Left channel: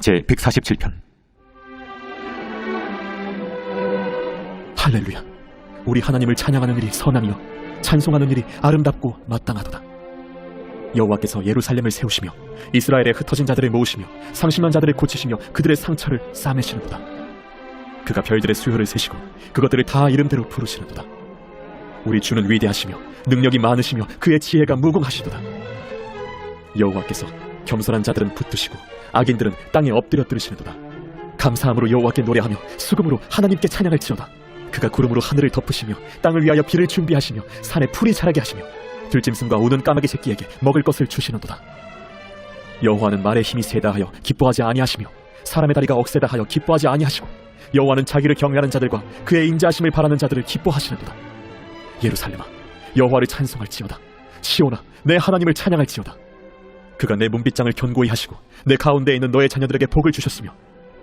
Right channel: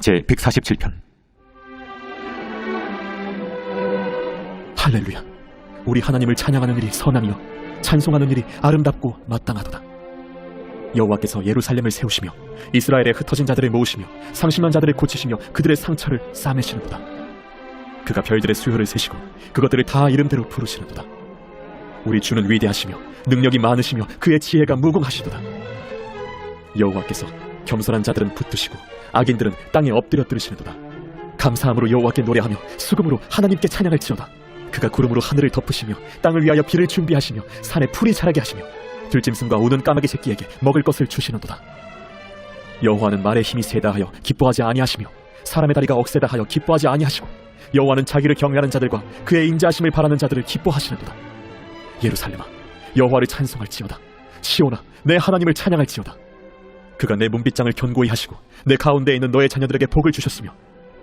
제147편. 할렐루야. 우리 하나님을 찬양하는 일이 선하며 찬송하는 일이 아름답고 마땅하도다. 여호와께서 예루살렘을 세우시며 이스라엘의 흩어진 자들을 모으시며 상심한 자들을 고치시며 그들의 상처를 싸매시는도다. 그가 별들의 수요를 세시고 그것들을 다 이름대로 부르시는도다. 우리 주는 위대하시며 능력이 많으시며 그의 지혜가 무궁하시도다. 여호와께서 겸손한 자들은 붙드시고 악인들은 땅에 엎드려 들으시는도다. 감사함으로 여호와께 노래하며 수금으로 하나님께 찬양할지어다. 그가 구름으로 하늘을 덮으시며 땅을 위하여 비를 준비하시며 산에 풀이 자라게 하시며 들짐승과 우는 까마귀 새끼에게 먹을 것을 주시는도다. 여호와는 말의 힘이 세다 하여 기뻐하지 아니하시며 사람의 다리가 억세다 하여 기뻐하지 아니하시고 여호와는 자기를 경외하는 자들과 그의 인자하심을 바라는 자들을 기뻐하시는도다. 예루살렘아, 여호와를 찬송할지어다. 시온아, 내 하나님을 찬양할지어다. 그가 내 문빗장을 견고히 하시고 내 가운데에 있는 너의 자녀들에게 복을 주셨으며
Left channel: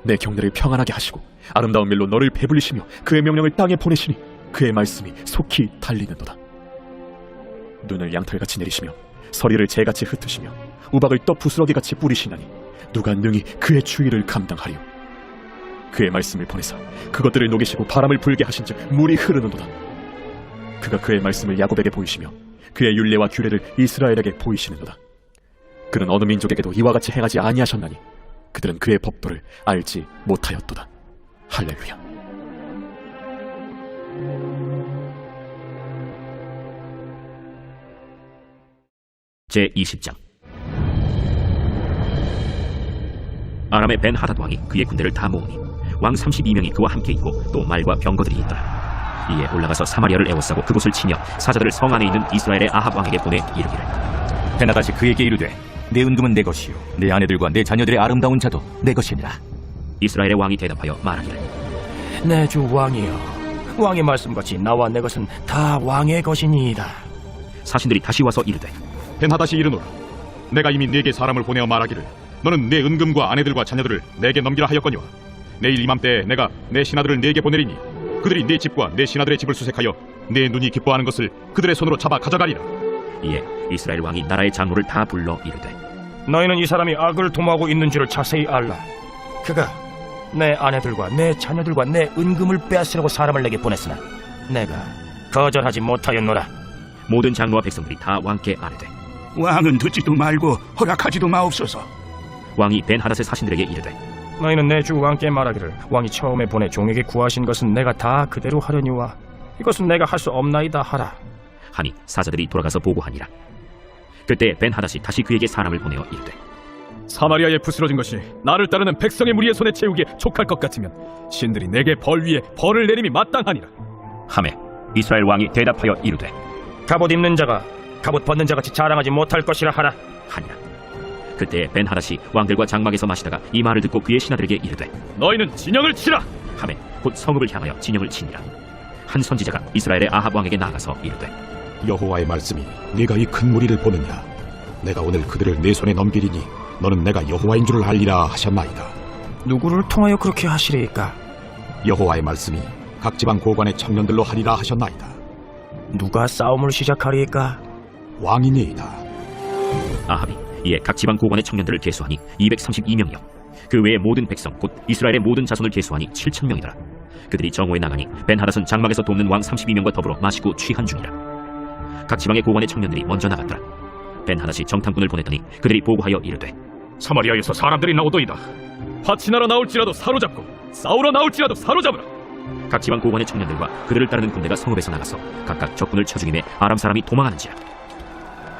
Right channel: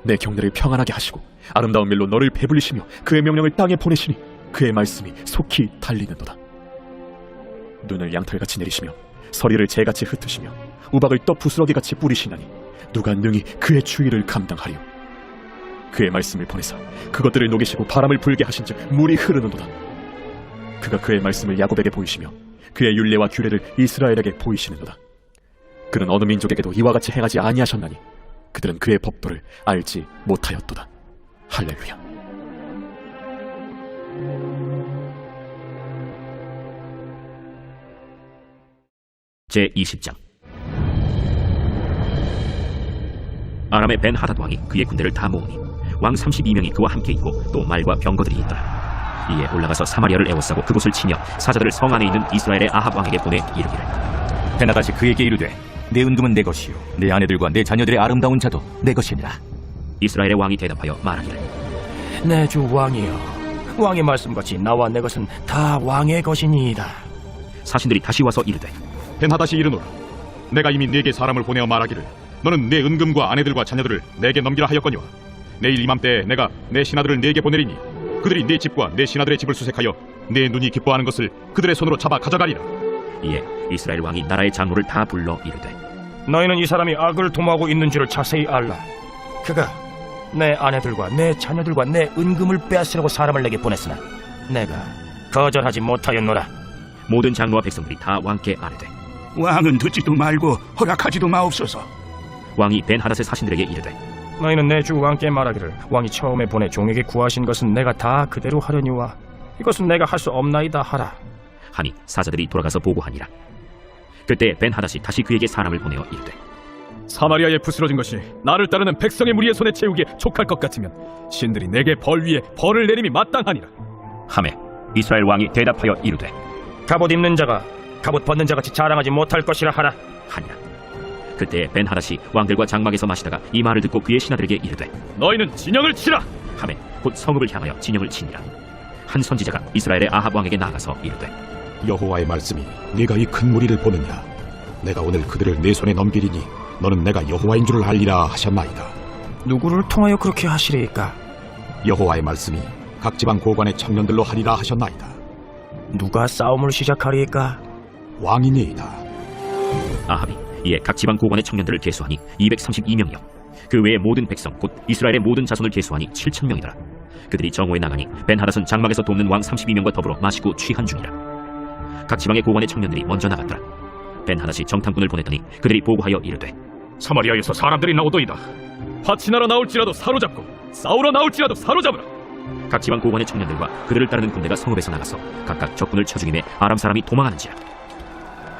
내 경내를 평안하게 하시고 아름다운 밀로 너를 배불리시며 그의 명령을 땅에 보내시니 그의 말씀이 속히 달리는도다. 눈을 양털같이 내리시며 서리를 재같이 흩으시며 우박을 떡 부스러기같이 뿌리시나니 누가 능히 그의 주의를 감당하리요. 그의 말씀을 보내사 그것들을 녹이시고 바람을 불게 하신즉 물이 흐르는도다. 그가 그의 말씀을 야곱에게 보이시며 그의 율례와 규례를 이스라엘에게 보이시는도다. 그는 어느 민족에게도 이와 같이 행하지 아니하셨나니 그들은 그의 법도를 알지 못하였도다. 할렐루야. 제20장. 아람의 벤 하닷 왕이 그의 군대를 다 모으니 왕 32명이 그와 함께 있고 또 말과 병거들이 있더라. 이에 올라가서 사마리아를 에워싸고 그곳을 치며 사자들을 성 안에 있는 이스라엘의 아합 왕에게 보내 이르기를, 베나다시 그에게 이르되 내 은금은 내 것이요 내 아내들과 내 자녀들의 아름다운 자도 내 것이니라. 이스라엘의 왕이 대답하여 말하기를, 내 주 왕이여, 왕의 말씀같이 나와 내 것은 다 왕의 것이니이다. 사신들이 다시 와서 이르되, 벤하닷이 이르노라, 내가 이미 네게 사람을 보내어 말하기를 너는 내 은금과 아내들과 자녀들을 내게 넘기라 하였거니와 내일 이맘때에 내가 내 신하들을 네게 보내리니 그들이 네 집과 내 신하들의 집을 수색하여 내 눈이 기뻐하는 것을 그들의 손으로 잡아 가져가리라. 이에 이스라엘 왕이 나라의 장로를 다 불러 이르되, 너희는 이 사람이 악을 도모하고 있는 줄을 자세히 알라. 그가 내 아내들과 내 자녀들과 내 은금을 빼앗으려고 사람을 내게 보냈으나 내가 거절하지 못하였노라. 모든 장로와 백성들이 다 왕께 아뢰되, 왕은 듣지도 말고 허락하지도 마옵소서. 왕이 벤 하닷의 사신들에게 이르되, 너희는 내 주 왕께 말하기를 왕이 처음에 보내 종에게 구하신 것은 내가 다 그대로 하려니와 이것은 내가 할 수 없나이다 하라. 하니 사자들이 돌아가서 보고하니라. 그때 벤 하닷이 다시 그에게 사람을 보내어 이르되, 사마리아에 부스러진 것이 나를 따르는 백성의 무리의 손에 채우기에 촉할 것 같으면 신들이 내게 벌 위에 벌을 내림이 마땅하니라. 하매 이스라엘 왕이 대답하여 이르되, 갑옷 입는 자가 갑옷 벗는 자같이 자랑하지 못할 것이라 하라. 하니라. 그때 벤 하닷이 왕들과 장막에서 마시다가 이 말을 듣고 그의 신하들에게 이르되, 너희는 진영을 치라. 하매 곧 성읍을 향하여 진영을 치니라. 한 선지자가 이스라엘의 아합 왕에게 나가서 이르되, 여호와의 말씀이 네가 이 큰 무리를 보느냐, 내가 오늘 그들을 내 손에 넘기리니 너는 내가 여호와인 줄을 알리라 하셨나이다. 누구를 통하여 그렇게 하시리이까? 여호와의 말씀이 각 지방 고관의 청년들로 하리라 하셨나이다. 누가 싸움을 시작하리이까? 왕이니이다. 아합이 이에 각 지방 고관의 청년들을 계수하니 232명이요 그 외의 모든 백성 곧 이스라엘의 모든 자손을 계수하니 7,000명이더라. 그들이 정오에 나가니 벤 하닷은 장막에서 돕는 왕 32명과 더불어 마시고 취한 중이라. 각 지방의 고관의 청년들이 먼저 나갔더라. 벤 하닷이 정탐꾼을 보냈더니 그들이 보고하여 이르되, 사마리아에서 사람들이 나오도이다. 파치나러 나올지라도 사로잡고 싸우러 나올지라도 사로잡으라. 각 지방 고관의 청년들과 그들을 따르는 군대가 성읍에서 나가서 각각 적군을 쳐 죽임에 아람 사람이 도망하는지라.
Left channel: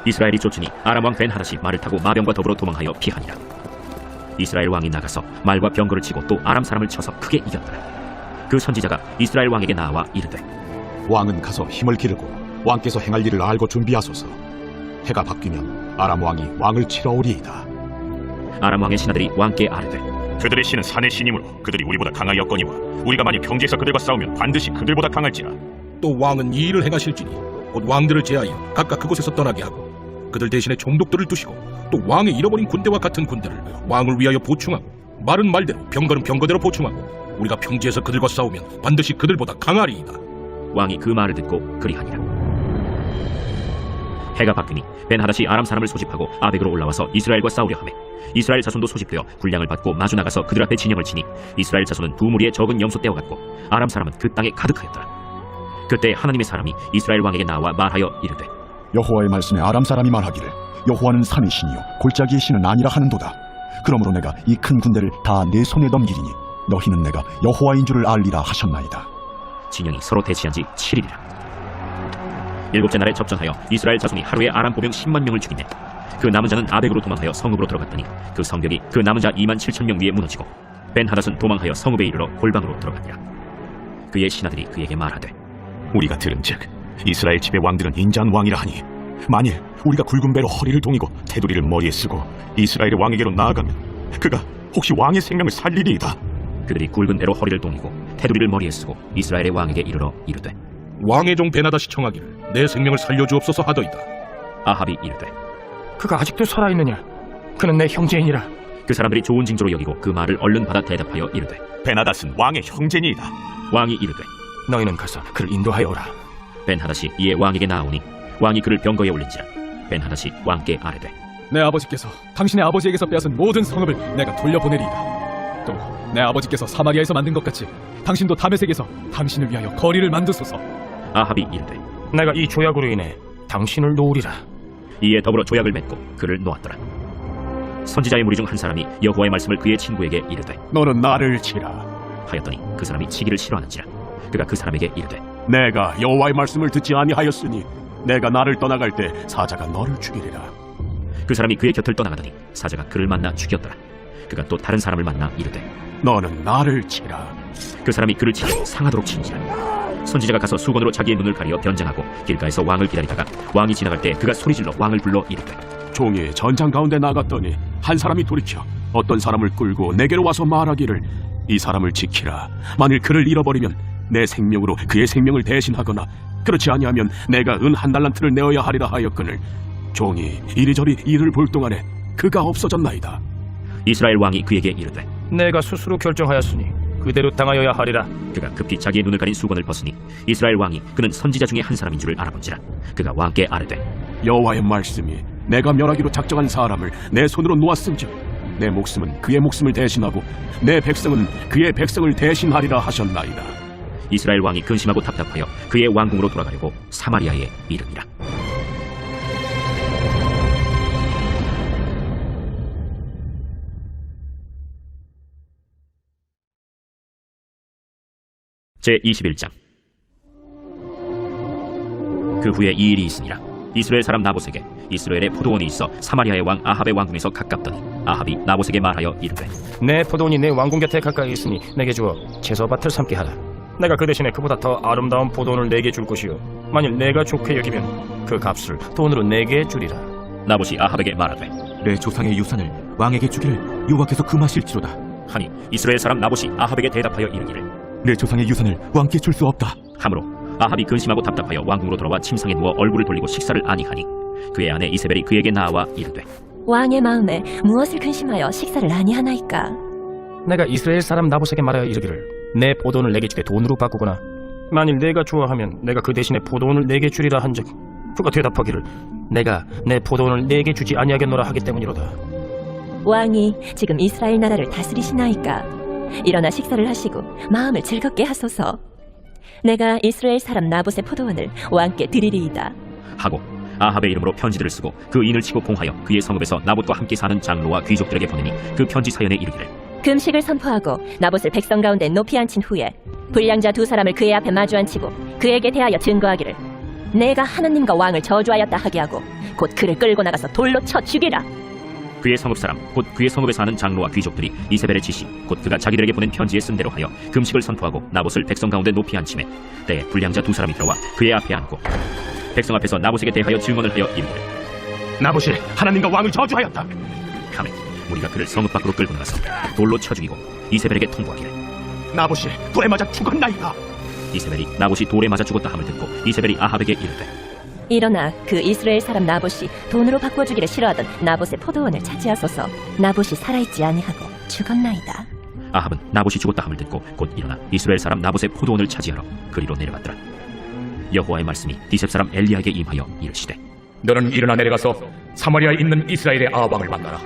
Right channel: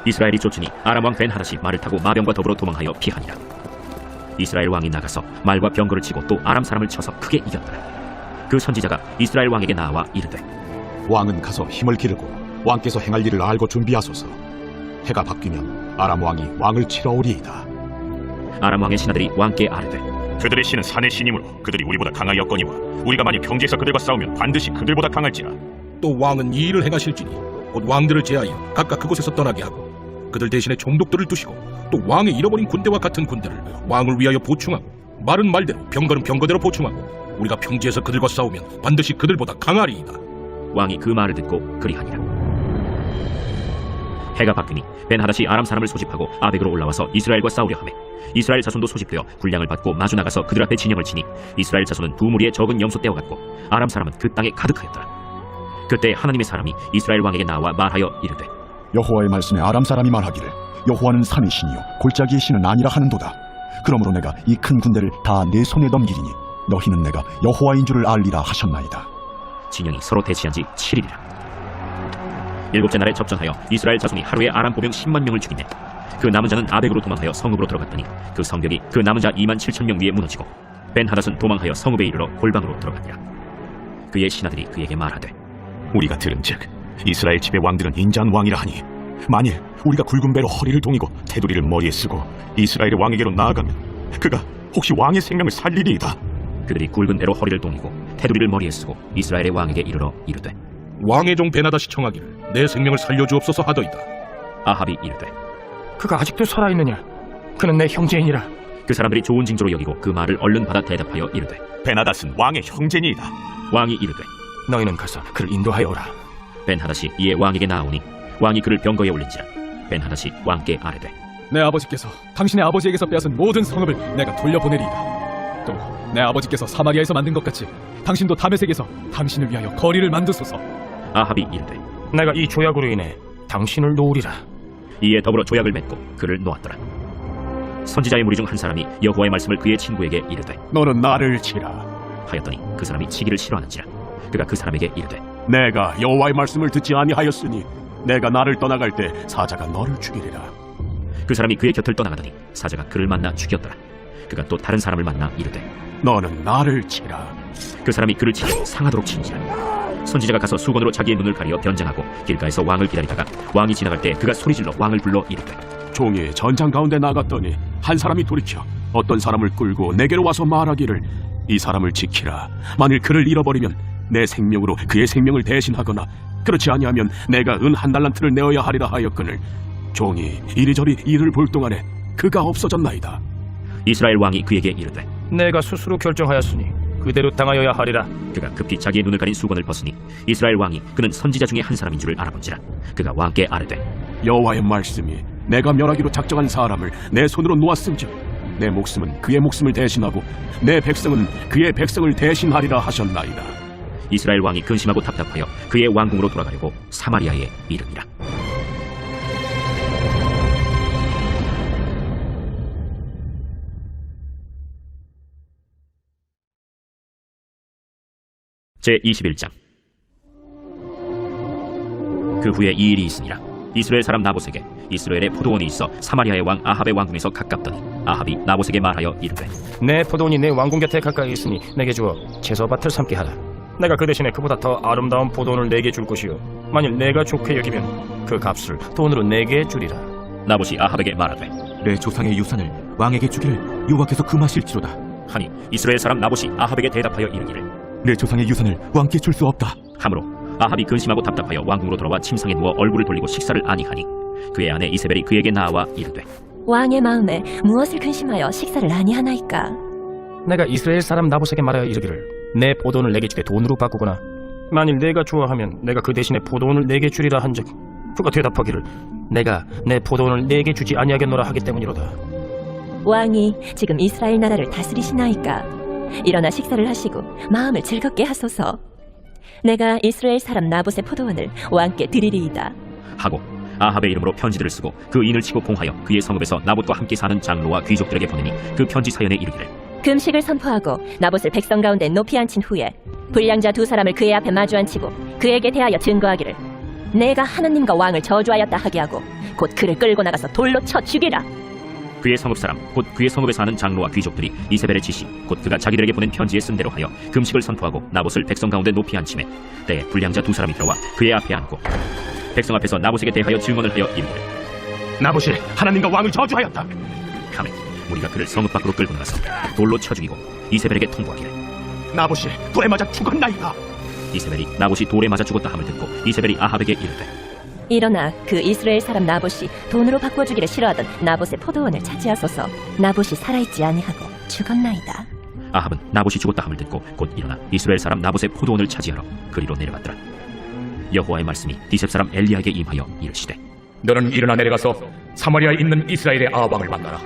이스라엘이 쫓으니 아람 왕 벤 하닷이 말을 타고 마병과 더불어 도망하여 피하니라. 이스라엘 왕이 나가서 말과 병거를 치고 또 아람 사람을 쳐서 크게 이겼더라. 그 선지자가 이스라엘 왕에게 나와 이르되, 왕은 가서 힘을 기르고 왕께서 행할 일을 알고 준비하소서. 해가 바뀌면 아람 왕이 왕을 치러 오리이다. 아람 왕의 신하들이 왕께 아뢰되, 그들의 신은 산의 신이므로 그들이 우리보다 강하였거니와 우리가 만일 평지에서 그들과 싸우면 반드시 그들보다 강할지라. 또 왕은 이 일을 행하실지니 곧 왕들을 제하여 각각 그곳에서 떠나게 하고 그들 대신에 총독들을 두시고 또 왕의 잃어버린 군대와 같은 군대를 왕을 위하여 보충하고 말은 말대로 병거는 병거대로 보충하고 우리가 평지에서 그들과 싸우면 반드시 그들보다 강하리이다. 왕이 그 말을 듣고 그리하니라. 해가 바뀌니 벤하닷이 아람 사람을 소집하고 아벡으로 올라와서 이스라엘과 싸우려 하매 이스라엘 자손도 소집되어 군량을 받고 마주 나가서 그들 앞에 진영을 치니 이스라엘 자손은 두 무리의 적은 염소 떼와 같고 아람 사람은 그 땅에 가득하였더라. 그때 하나님의 사람이 이스라엘 왕에게 나와 말하여 이르되 여호와의 말씀에 아람 사람이 말하기를 여호와는 산의 신이요 골짜기의 신은 아니라 하는도다. 그러므로 내가 이 큰 군대를 다 내 손에 넘기리니 너희는 내가 여호와인 줄을 알리라 하셨나이다. 진영이 서로 대치한 지 7일이라. 일곱째 날에 접전하여 이스라엘 자손이 하루에 아람 보병 10만 명을 죽이네. 그 남은 자는 아벡으로 도망하여 성읍으로 들어갔더니 그 성벽이 그 남은 자 2만 7천 명 위에 무너지고 벤하닷은 도망하여 성읍에 이르러 골방으로 들어갔니라. 그의 신하들이 그에게 말하되 우리가 들은즉 이스라엘 집의 왕들은 인자한 왕이라 하니 만일 우리가 굵은 배로 허리를 동이고 테두리를 머리에 쓰고 이스라엘의 왕에게로 나아가면 그가 혹시 왕의 생명을 살리리이다. 그들이 굵은 배로 허리를 동이고 테두리를 머리에 쓰고 이스라엘의 왕에게 이르러 이르되 왕의 종 베나닷이 청하기를 내 생명을 살려주옵소서 하더이다. 아합이 이르되 그가 아직도 살아있느냐? 그는 내 형제이니라. 그 사람들이 좋은 징조로 여기고 그 말을 얼른 받아 대답하여 이르되 베나닷은 왕의 형제니이다. 왕이 이르되 너희는 가서 그를 인도하여 오라. 벤하닷이 이에 왕에게 나아오니 왕이 그를 병거에 올린지라. 벤하닷이 왕께 아뢰되 내 아버지께서 당신의 아버지에게서 빼앗은 모든 성읍을 내가 돌려보내리이다. 또 내 아버지께서 사마리아에서 만든 것 같이 당신도 다메섹에서 당신을 위하여 거리를 만드소서. 아합이 이르되 내가 이 조약으로 인해 당신을 놓으리라. 이에 더불어 조약을 맺고 그를 놓았더라. 선지자의 무리 중 한 사람이 여호와의 말씀을 그의 친구에게 이르되 너는 나를 치라. 하였더니 그 사람이 치기를 싫어하는지라. 그가 그 사람에게 이르되 내가 여호와의 말씀을 듣지 아니하였으니 내가 나를 떠나갈 때 사자가 너를 죽이리라. 그 사람이 그의 곁을 떠나가더니 사자가 그를 만나 죽였더라. 그가 또 다른 사람을 만나 이르되 너는 나를 치라. 그 사람이 그를 치고 상하도록 친지라. 선지자가 가서 수건으로 자기의 눈을 가리어 변장하고 길가에서 왕을 기다리다가 왕이 지나갈 때 그가 소리질러 왕을 불러 이르되 종이 전장 가운데 나갔더니 한 사람이 돌이켜 어떤 사람을 끌고 내게로 와서 말하기를 이 사람을 지키라. 만일 그를 잃어버리면 내 생명으로 그의 생명을 대신하거나 그렇지 아니하면 내가 은 한 달란트를 내어야 하리라 하였거늘 종이 이리저리 이를 볼 동안에 그가 없어졌나이다. 이스라엘 왕이 그에게 이르되 내가 스스로 결정하였으니 그대로 당하여야 하리라. 그가 급히 자기의 눈을 가린 수건을 벗으니 이스라엘 왕이 그는 선지자 중에 한 사람인 줄을 알아본지라. 그가 왕께 아뢰되 여호와의 말씀이 내가 멸하기로 작정한 사람을 내 손으로 놓았은즉 내 목숨은 그의 목숨을 대신하고 내 백성은 그의 백성을 대신하리라 하셨나이다. 이스라엘 왕이 근심하고 답답하여 그의 왕궁으로 돌아가려고 사마리아에 이르니라. 제21장. 그 후에 이 일이 있으니라. 이스라엘 사람 나봇에게 이스라엘의 포도원이 있어 사마리아의 왕 아합의 왕궁에서 가깝더니 아합이 나봇에게 말하여 이르되 내 포도원이 내 왕궁 곁에 가까이 있으니 내게 주어 채소밭을 삼게 하라. 내가 그 대신에 그보다 더 아름다운 포도원을 내게 줄 것이요 만일 내가 좋게 여기면 그 값을 돈으로 내게 주리라. 나봇이 아합에게 말하되 내 조상의 유산을 왕에게 주기를 여호와께서 금하실지로다. 하니 이스라엘 사람 나봇이 아합에게 대답하여 이르기를 내 조상의 유산을 왕께 줄 수 없다. 하므로 아합이 근심하고 답답하여 왕궁으로 돌아와 침상에 누워 얼굴을 돌리고 식사를 아니하니 그의 아내 이세벨이 그에게 나와 이르되 왕의 마음에 무엇을 근심하여 식사를 아니하나이까? 내가 이스라엘 사람 나봇에게 말하여 이르기를 내 포도원을 내게 주되 돈으로 바꾸거나 만일 내가 좋아하면 내가 그 대신에 포도원을 내게 주리라 한즉 그가 대답하기를 내가 내 포도원을 내게 주지 아니하겠노라 하기 때문이로다. 왕이 지금 이스라엘 나라를 다스리시나이까? 일어나 식사를 하시고 마음을 즐겁게 하소서. 내가 이스라엘 사람 나봇의 포도원을 왕께 드리리이다. 하고 아합의 이름으로 편지들을 쓰고 그 인을 치고 공하여 그의 성읍에서 나봇과 함께 사는 장로와 귀족들에게 보내니 그 편지 사연에 이르기를 금식을 선포하고 나봇을 백성 가운데 높이 앉힌 후에 불량자 두 사람을 그의 앞에 마주 앉히고 그에게 대하여 증거하기를 내가 하나님과 왕을 저주하였다 하게 하고 곧 그를 끌고 나가서 돌로 쳐 죽이라. 그의 성읍 사람 곧 그의 성읍에 사는 장로와 귀족들이 이세벨의 지시 곧 그가 자기들에게 보낸 편지에 쓴 대로 하여 금식을 선포하고 나봇을 백성 가운데 높이 앉히매 때에 불량자 두 사람이 들어와 그의 앞에 앉고 백성 앞에서 나봇에게 대하여 증언을 하여 이르기를 나봇이 하나님과 왕을 저주하였다. 하매 우리가 그를 성읍 밖으로 끌고 나가서 돌로 쳐 죽이고 이세벨에게 통보하기를 나봇이 돌에 맞아 죽었나이다. 이세벨이 나봇이 돌에 맞아 죽었다 함을 듣고 이세벨이 아합에게 이르되 일어나 그 이스라엘 사람 나봇이 돈으로 바꿔주기를 싫어하던 나봇의 포도원을 차지하소서. 나봇이 살아있지 아니하고 죽었나이다. 아합은 나봇이 죽었다 함을 듣고 곧 일어나 이스라엘 사람 나봇의 포도원을 차지하러 그리로 내려갔더라. 여호와의 말씀이 디셉 사람 엘리야에게 임하여 이르시되 너는 일어나 내려가서 사마리아에 있는 이스라엘의 아합왕을 만나라.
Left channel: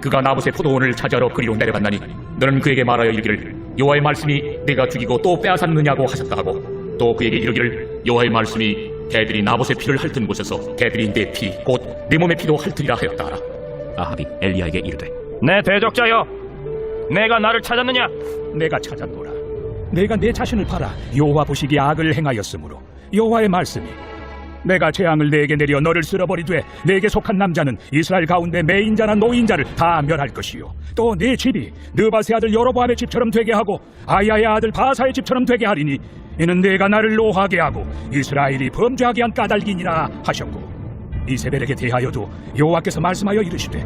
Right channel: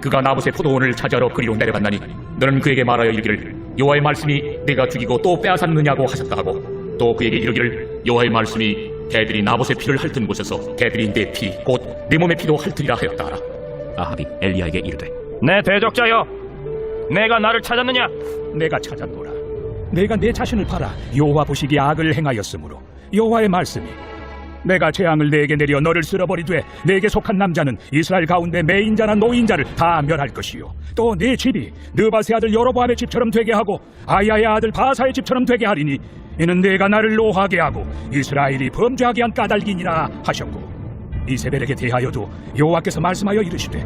그가 나봇의 포도원을 차지하러 그리로 내려갔나니 너는 그에게 말하여 이르기를 여호와의 말씀이 내가 죽이고 또 빼앗았느냐고 하셨다 하고 또 그에게 이르기를 여호와의 말씀이 개들이 나봇의 피를 핥은 곳에서 개들이 내 피 곧 내 몸의 피도 핥으리라 하였다 하라. 아합이 엘리야에게 이르되 내 대적자여, 내가 나를 찾았느냐? 내가 찾았노라. 내가 내 자신을 팔아 여호와 보시기에 악을 행하였으므로 여호와의 말씀이 내가 재앙을 내게 내려 너를 쓸어버리되 내게 속한 남자는 이스라엘 가운데 매인자나 노인자를 다 멸할 것이요 또 네 집이 느바세 아들 여로보암의 집처럼 되게 하고 아야의 아들 바사의 집처럼 되게 하리니 이는 내가 나를 노하게 하고 이스라엘이 범죄하게 한 까닭이니라 하셨고 이세벨에게 대하여도 여호와께서 말씀하여 이르시되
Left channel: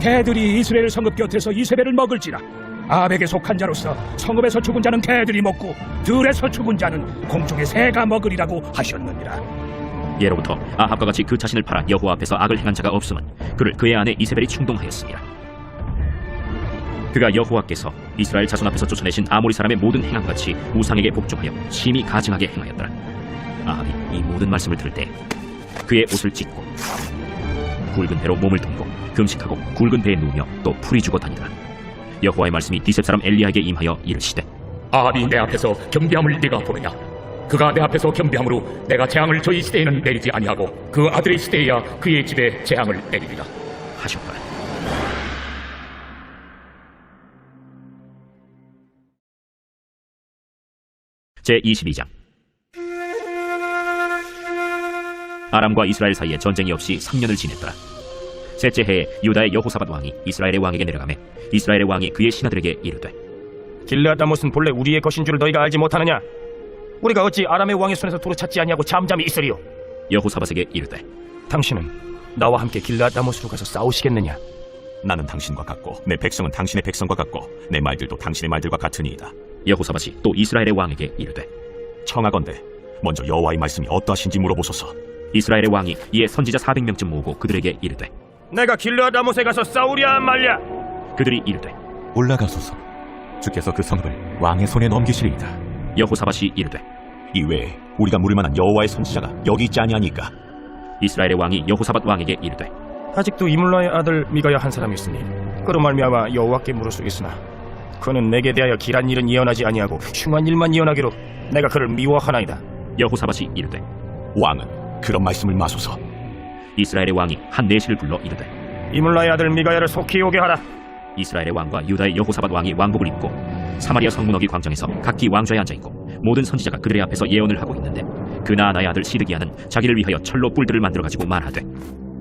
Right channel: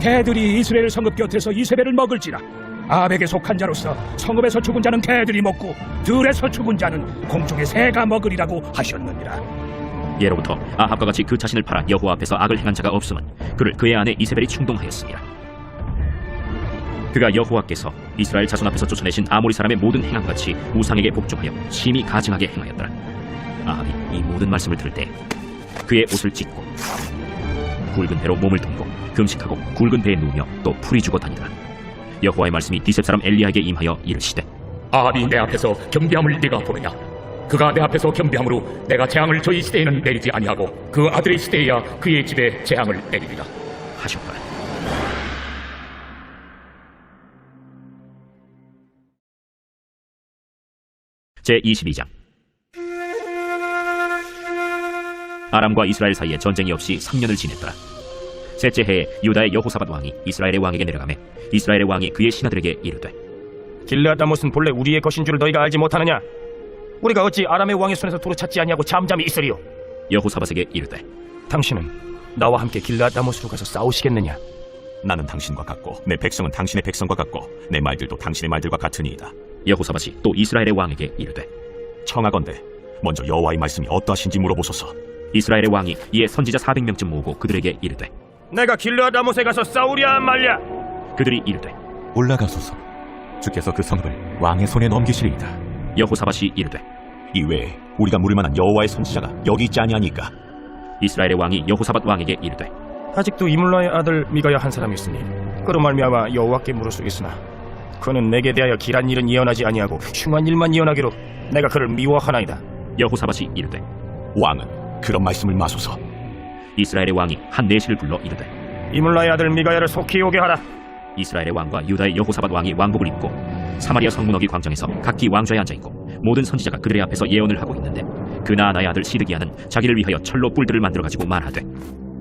개들이 이스라엘 성읍 곁에서 이세벨을 먹을지라 아합에게 속한 자로서 성읍에서 죽은 자는 개들이 먹고 들에서 죽은 자는 공중의 새가 먹으리라고 하셨느니라. 예로부터 아합과 같이 그 자신을 팔아 여호와 앞에서 악을 행한 자가 없음은 그를 그의 아내 이세벨이 충동하였습니다. 그가 여호와께서 이스라엘 자손 앞에서 쫓아내신 아모리 사람의 모든 행함같이 우상에게 복종하여 심히 가증하게 행하였더라. 아합이 이 모든 말씀을 들을 때 그의 옷을 찢고 굵은 배로 몸을 덮고 금식하고 굵은 배에 누우며 또 풀이 주고 다니더라. 여호와의 말씀이 디셉 사람 엘리야에게 임하여 이르시되 아합이 내 앞에서 겸비함을 네가 보느냐? 그가 내 앞에서 겸비함으로 내가 재앙을 저희 시대에는 내리지 아니하고 그 아들의 시대에야 그의 집에 재앙을 내리리라 하셨더라. 제22장 아람과 이스라엘 사이에 전쟁이 없이 3년을 지냈더라. 셋째 해에 유다의 여호사밧 왕이 이스라엘의 왕에게 내려가매 이스라엘의 왕이 그의 신하들에게 이르되 길르앗다못은 본래 우리의 것인 줄 너희가 알지 못하느냐? 우리가 어찌 아람의 왕의 손에서 도로 찾지 아니하고 잠잠히 있으리요? 여호사밧에게 이르되 당신은 나와 함께 길르앗다못으로 가서 싸우시겠느냐? 나는 당신과 같고 내 백성은 당신의 백성과 같고 내 말들도 당신의 말들과 같으니이다. 여호사밧이 또 이스라엘의 왕에게 이르되 청하건대 먼저 여호와의 말씀이 어떠하신지 물어보소서. 이스라엘의 왕이 이에 선지자 400명쯤 모으고 그들에게 이르되 내가 길르앗다못에 가서 싸우랴 말랴? 그들이 이르되 올라가소서. 주께서 그 성읍을 왕의 손에 넘기시리이다. 여호사밧이 이르되 이외에 우리가 물을 만한 여호와의 선지자가 여기 있지 아니하니까. 이스라엘의 왕이 여호사밧 왕에게 이르되 아직도 이물라의 아들 미가야 한 사람이 있으니 그로 말미암아 여호와께 물을 수 있으나 그는 내게 대하여 길한 일은 예언하지 아니하고 흉한 일만 예언하기로 내가 그를 미워하나이다. 여호사밧이 이르되 왕은 그런 말씀을 마소서. 이스라엘의 왕이 한 내시를 불러 이르되 이물라의 아들 미가야를 속히 오게 하라. 이스라엘의 왕과 유다의 여호사밧 왕이 왕복을 입고 사마리아 성문어기 광장에서 각기 왕좌에 앉아있고 모든 선지자가 그들의 앞에서 예언을 하고 있는데 그나아나의 아들 시드기야는 자기를 위하여 철로 뿔들을 만들어가지고 말하되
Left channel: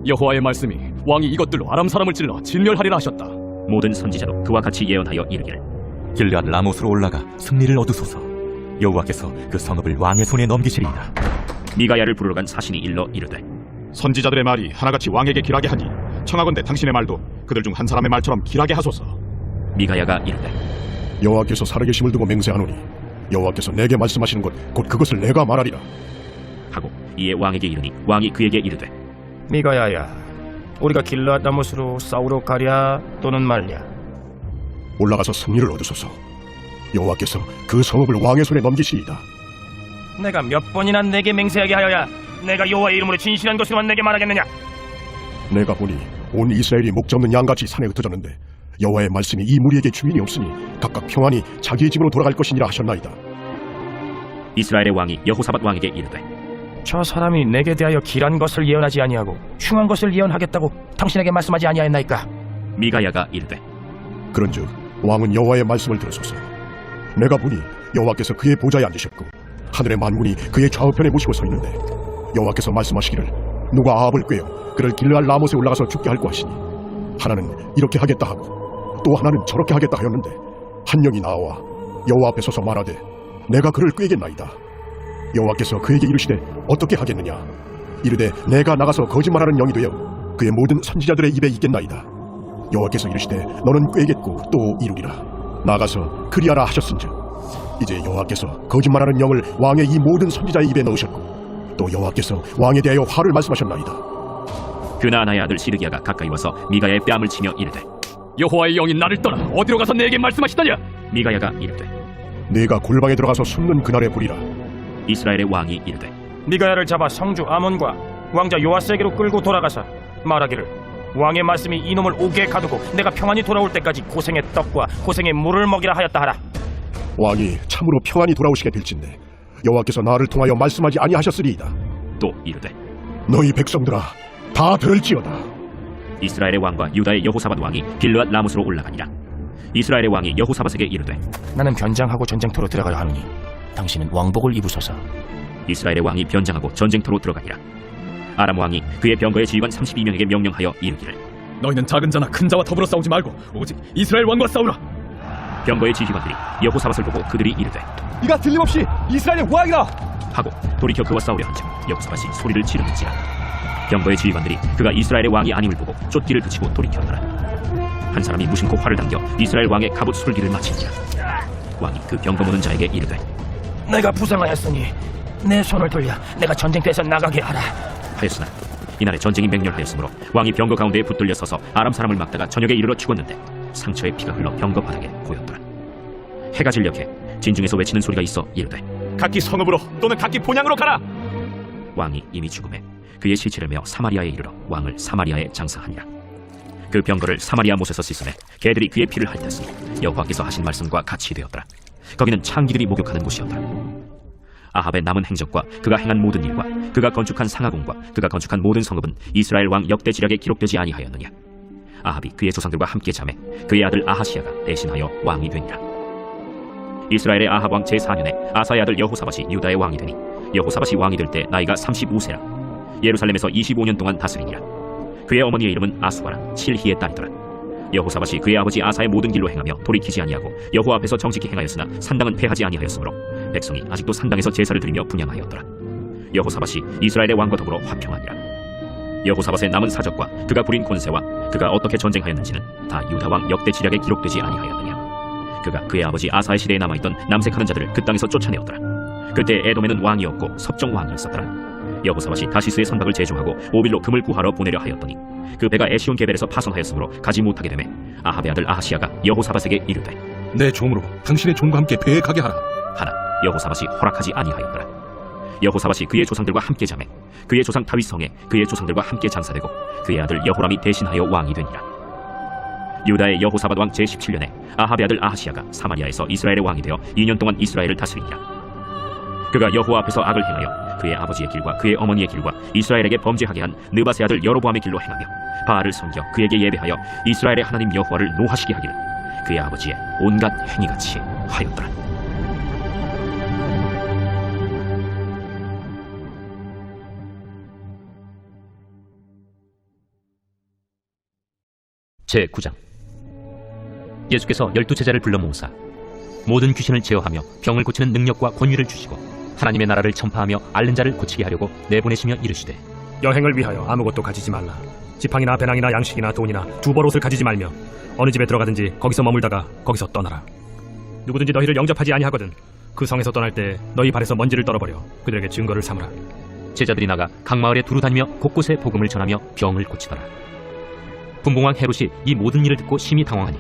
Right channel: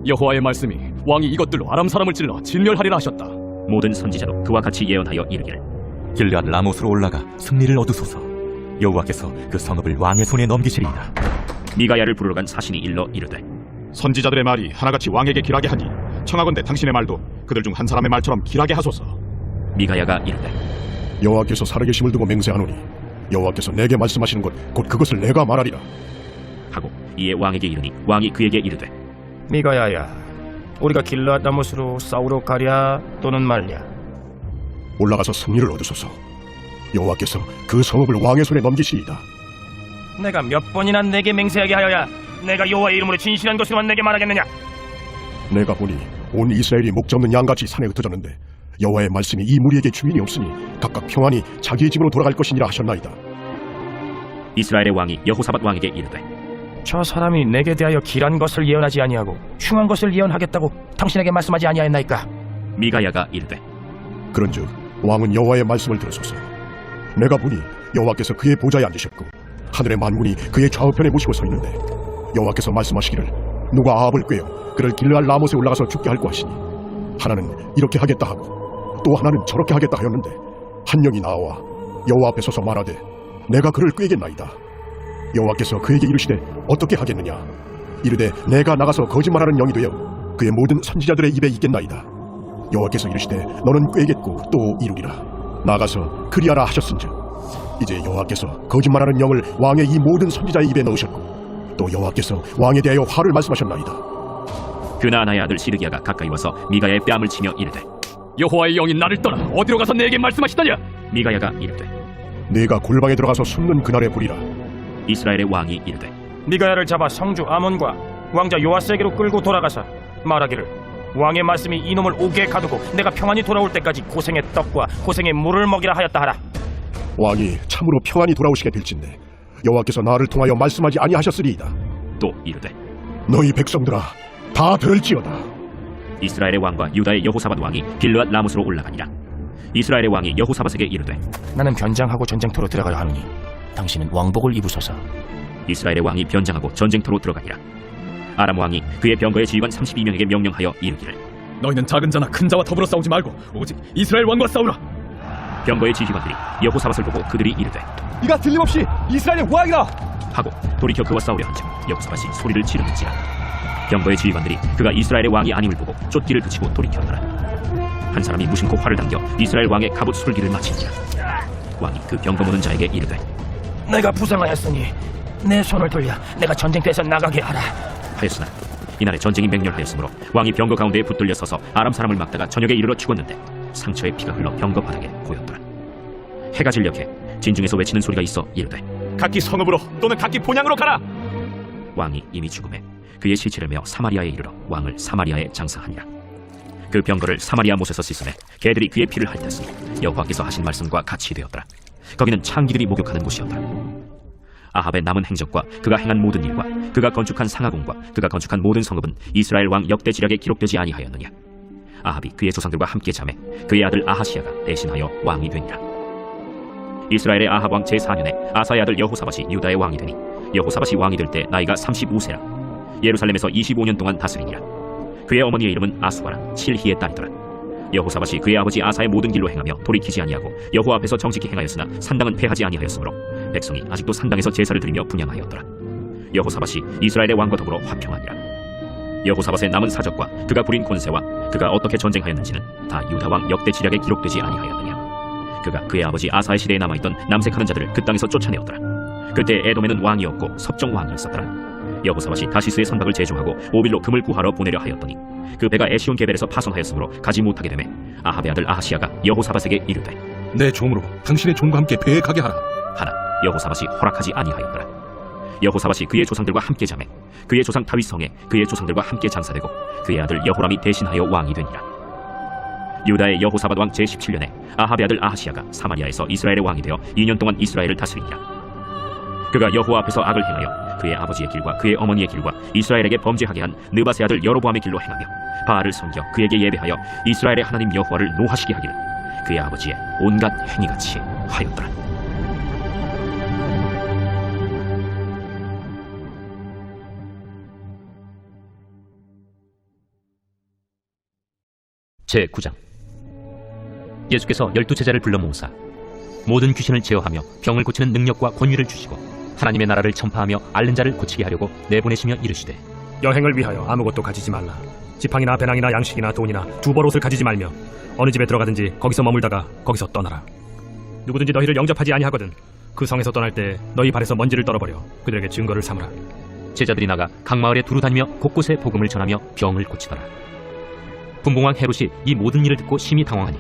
여호와의 말씀이 왕이 이것들로 아람 사람을 찔러 진멸하리라 하셨다. 모든 선지자도 그와 같이 예언하여 이르기를 길르앗 라못으로 올라가 승리를 얻으소서. 여호와께서 그 성읍을 왕의 손에 넘기시리이다. 미가야를 부르러 간 사신이 일러 이르되 선지자들의 말이 하나같이 왕에게 길하게 하니 청하건대 당신의 말도 그들 중 한 사람의 말처럼 길하게 하소서. 미가야가 이르되 여호와께서 살아계심을 두고 맹세하노니 여호와께서 내게 말씀하시는 것 곧 그것을 내가 말하리라 하고 이에 왕에게 이르니 왕이 그에게 이르되 미가야야, 우리가 길르앗다못으로 싸우러 가랴 또는 말랴? 올라가서 승리를 얻으소서. 여호와께서 그 성읍을 왕의 손에 넘기시리이다. 내가 몇 번이나 내게 맹세하게 하여야 내가 여호와의 이름으로 진실한 것으로만 내게 말하겠느냐? 내가 보니 온 이스라엘이 목자 없는 양같이 산에 흩어졌는데 여호와의 말씀이 이 무리에게 주인이 없으니 각각 평안히 자기의 집으로 돌아갈 것이니라 하셨나이다. 이스라엘의 왕이 여호사밧 왕에게 이르되 저 사람이 내게 대하여 길한 것을 예언하지 아니하고 흉한 것을 예언하겠다고 당신에게 말씀하지 아니하였나이까? 미가야가 이르되 그런즉 왕은 여호와의 말씀을 들으소서. 내가 보니 여호와께서 그의 보좌에 앉으셨고 하늘의 만군이 그의 좌우편에 모시고 서 있는데 여호와께서 말씀하시기를 누가 아합을 꾀어 그를 길르앗 라못에 올라가서 죽게 할고 하시니 하나는 이렇게 하겠다 하고 또 하나는 저렇게 하겠다 하였는데 한 영이 나와 여호와 앞에 서서 말하되 내가 그를 꾀겠나이다. 여호와께서 그에게 이르시되 어떻게 하겠느냐? 이르되 내가 나가서 거짓말하는 영이 되어 그의 모든 선지자들의 입에 있겠나이다. 여호와께서 이르시되 너는 꾀겠고 또 이루리라. 나가서 그리하라 하셨은즉 이제 여호와께서 거짓말하는 영을 왕의 이 모든 선지자의 입에 넣으셨고 또 여호와께서 왕에 대하여 화를 말씀하셨나이다. 그나아나의 아들 시드기야가 가까이 와서 미가야의 뺨을 치며 이르되 여호와의 영이 나를 떠나 어디로 가서 내게 말씀하시더냐? 미가야가 이르되 네가 골방에 들어가서 숨는 그날에 보리라. 이스라엘의 왕이 이르되 미가야를 잡아 성주 아몬과 왕자 요아스에게로 끌고 돌아가서 말하기를 왕의 말씀이 이놈을 옥에 가두고 내가 평안히 돌아올 때까지 고생의 떡과 고생의 물을 먹이라 하였다 하라. 왕이 참으로 평안히 돌아오시게 될진데 여호와께서 나를 통하여 말씀하지 아니하셨으리이다. 또 이르되 너희 백성들아 다 들을지어다. 이스라엘의 왕과 유다의 여호사밧 왕이 길르앗 라못으로 올라가니라. 이스라엘의 왕이 여호사밧에게 이르되 나는 변장하고 전쟁터로 들어가려 하노니 당신은 왕복을 입으소서. 이스라엘의 왕이 변장하고 전쟁터로 들어가니라. 아람 왕이 그의 병거의 지휘관 32명에게 명령하여 이르기를 너희는 작은 자나 큰 자와 더불어 싸우지 말고 오직 이스라엘 왕과 싸우라. 병거의 지휘관들이 여호사밧을 보고 그들이 이르되 이가 틀림없이 이스라엘의 왕이라 하고 돌이켜 그와 싸우려 한즉 여호사밧이 소리를 지르는지라. 병거의 지휘관들이 그가 이스라엘의 왕이 아님을 보고 쫓기를 그치고 돌이켰더라. 한 사람이 무심코 활을 당겨 이스라엘 왕의 갑옷 술기를 마치니라. 왕이 그 병거 모는 자에게 이르되 내가 부상하였으니 내 손을 돌려 내가 전쟁터에서 나가게 하라 하였으나 이날에 전쟁이 맹렬하였으므로 왕이 병거 가운데에 붙들려 서서 아람 사람을 막다가 저녁에 이르러 죽었는데 상처에 피가 흘러 병거 바닥에 고였더라. 해가 진력해 진중에서 외치는 소리가 있어 이르되 각기 성읍으로 또는 각기 본향으로 가라. 왕이 이미 죽음에 그의 시체를 메어 사마리아에 이르러 왕을 사마리아에 장사하니라. 그 병거를 사마리아 못에서 씻으매 개들이 그의 피를 핥았으니 여호와께서 하신 말씀과 같이 되었더라. 거기는 창기들이 목욕하는 곳이었더라. 아합의 남은 행적과 그가 행한 모든 일과 그가 건축한 상하궁과 그가 건축한 모든 성읍은 이스라엘 왕 역대 지략에 기록되지 아니하였느냐. 아합이 그의 조상들과 함께 자매 그의 아들 아하시아가 대신하여 왕이 되니라. 이스라엘의 아합 왕 제4년에 아사의 아들 여호사밧이 유다의 왕이 되니 여호사밧이 왕이 될 때 나이가 35세라. 예루살렘에서 25년 동안 다스리니라. 그의 어머니의 이름은 아수바라 칠히의 딸이더라. 여호사밧이 그의 아버지 아사의 모든 길로 행하며 돌이키지 아니하고 여호와 앞에서 정직히 행하였으나 산당은 패하지 아니하였으므로 백성이 아직도 산당에서 제사를 드리며 분향하였더라. 여호사밧이 이스라엘의 왕과 더불어 화평하니라. 여호사밧의 남은 사적과 그가 부린 권세와 그가 어떻게 전쟁하였는지는 다 유다 왕 역대 지략에 기록되지 아니하였느냐. 그가 그의 아버지 아사의 시대에 남아있던 남색하는 자들을 그 땅에서 쫓아내었더라. 그때 에돔에는 왕이 없고 섭정 왕이 있었더라. 여호사밧이 다시스의 선박을 제조하고 오빌로 금을 구하러 보내려 하였더니 그 배가 에시온 게벨에서 파손하였으므로 가지 못하게 되매 아합의 아들 아하시아가 여호사밧에게 이르되 내 종으로 당신의 종과 함께 배에 가게 하라 하나 여호사밧이 허락하지 아니하였더라. 여호사밧이 그의 조상들과 함께 자매 그의 조상 다윗 성에 그의 조상들과 함께 장사되고 그의 아들 여호람이 대신하여 왕이 되니라. 유다의 여호사밧 왕 제17년에 아합의 아들 아하시아가 사마리아에서 이스라엘의 왕이 되어 2년 동안 이스라엘을 다스리니라. 그가 여호와 앞에서 악을 행하여 그의 아버지의 길과 그의 어머니의 길과 이스라엘에게 범죄하게 한 느밧의 아들 여로보암의 길로 행하며 바알을 섬겨 그에게 예배하여 이스라엘의 하나님 여호와를 노하시게 하기를 그의 아버지의 온갖 행위같이 하였더라. 제9장 예수께서 12제자를 불러 모으사 모든 귀신을 제어하며 병을 고치는 능력과 권위를 주시고 하나님의 나라를 전파하며 앓는 자를 고치게 하려고 내보내시며 이르시되 여행을 위하여 아무것도 가지지 말라. 지팡이나 배낭이나 양식이나 돈이나 두벌옷을 가지지 말며 어느 집에 들어가든지 거기서 머물다가 거기서 떠나라. 누구든지 너희를 영접하지 아니하거든 그 성에서 떠날 때 너희 발에서 먼지를 떨어버려 그들에게 증거를 삼으라. 제자들이 나가 각 마을에 두루 다니며 곳곳에 복음을 전하며 병을 고치더라. 분봉왕 헤롯이 이 모든 일을 듣고 심히 당황하니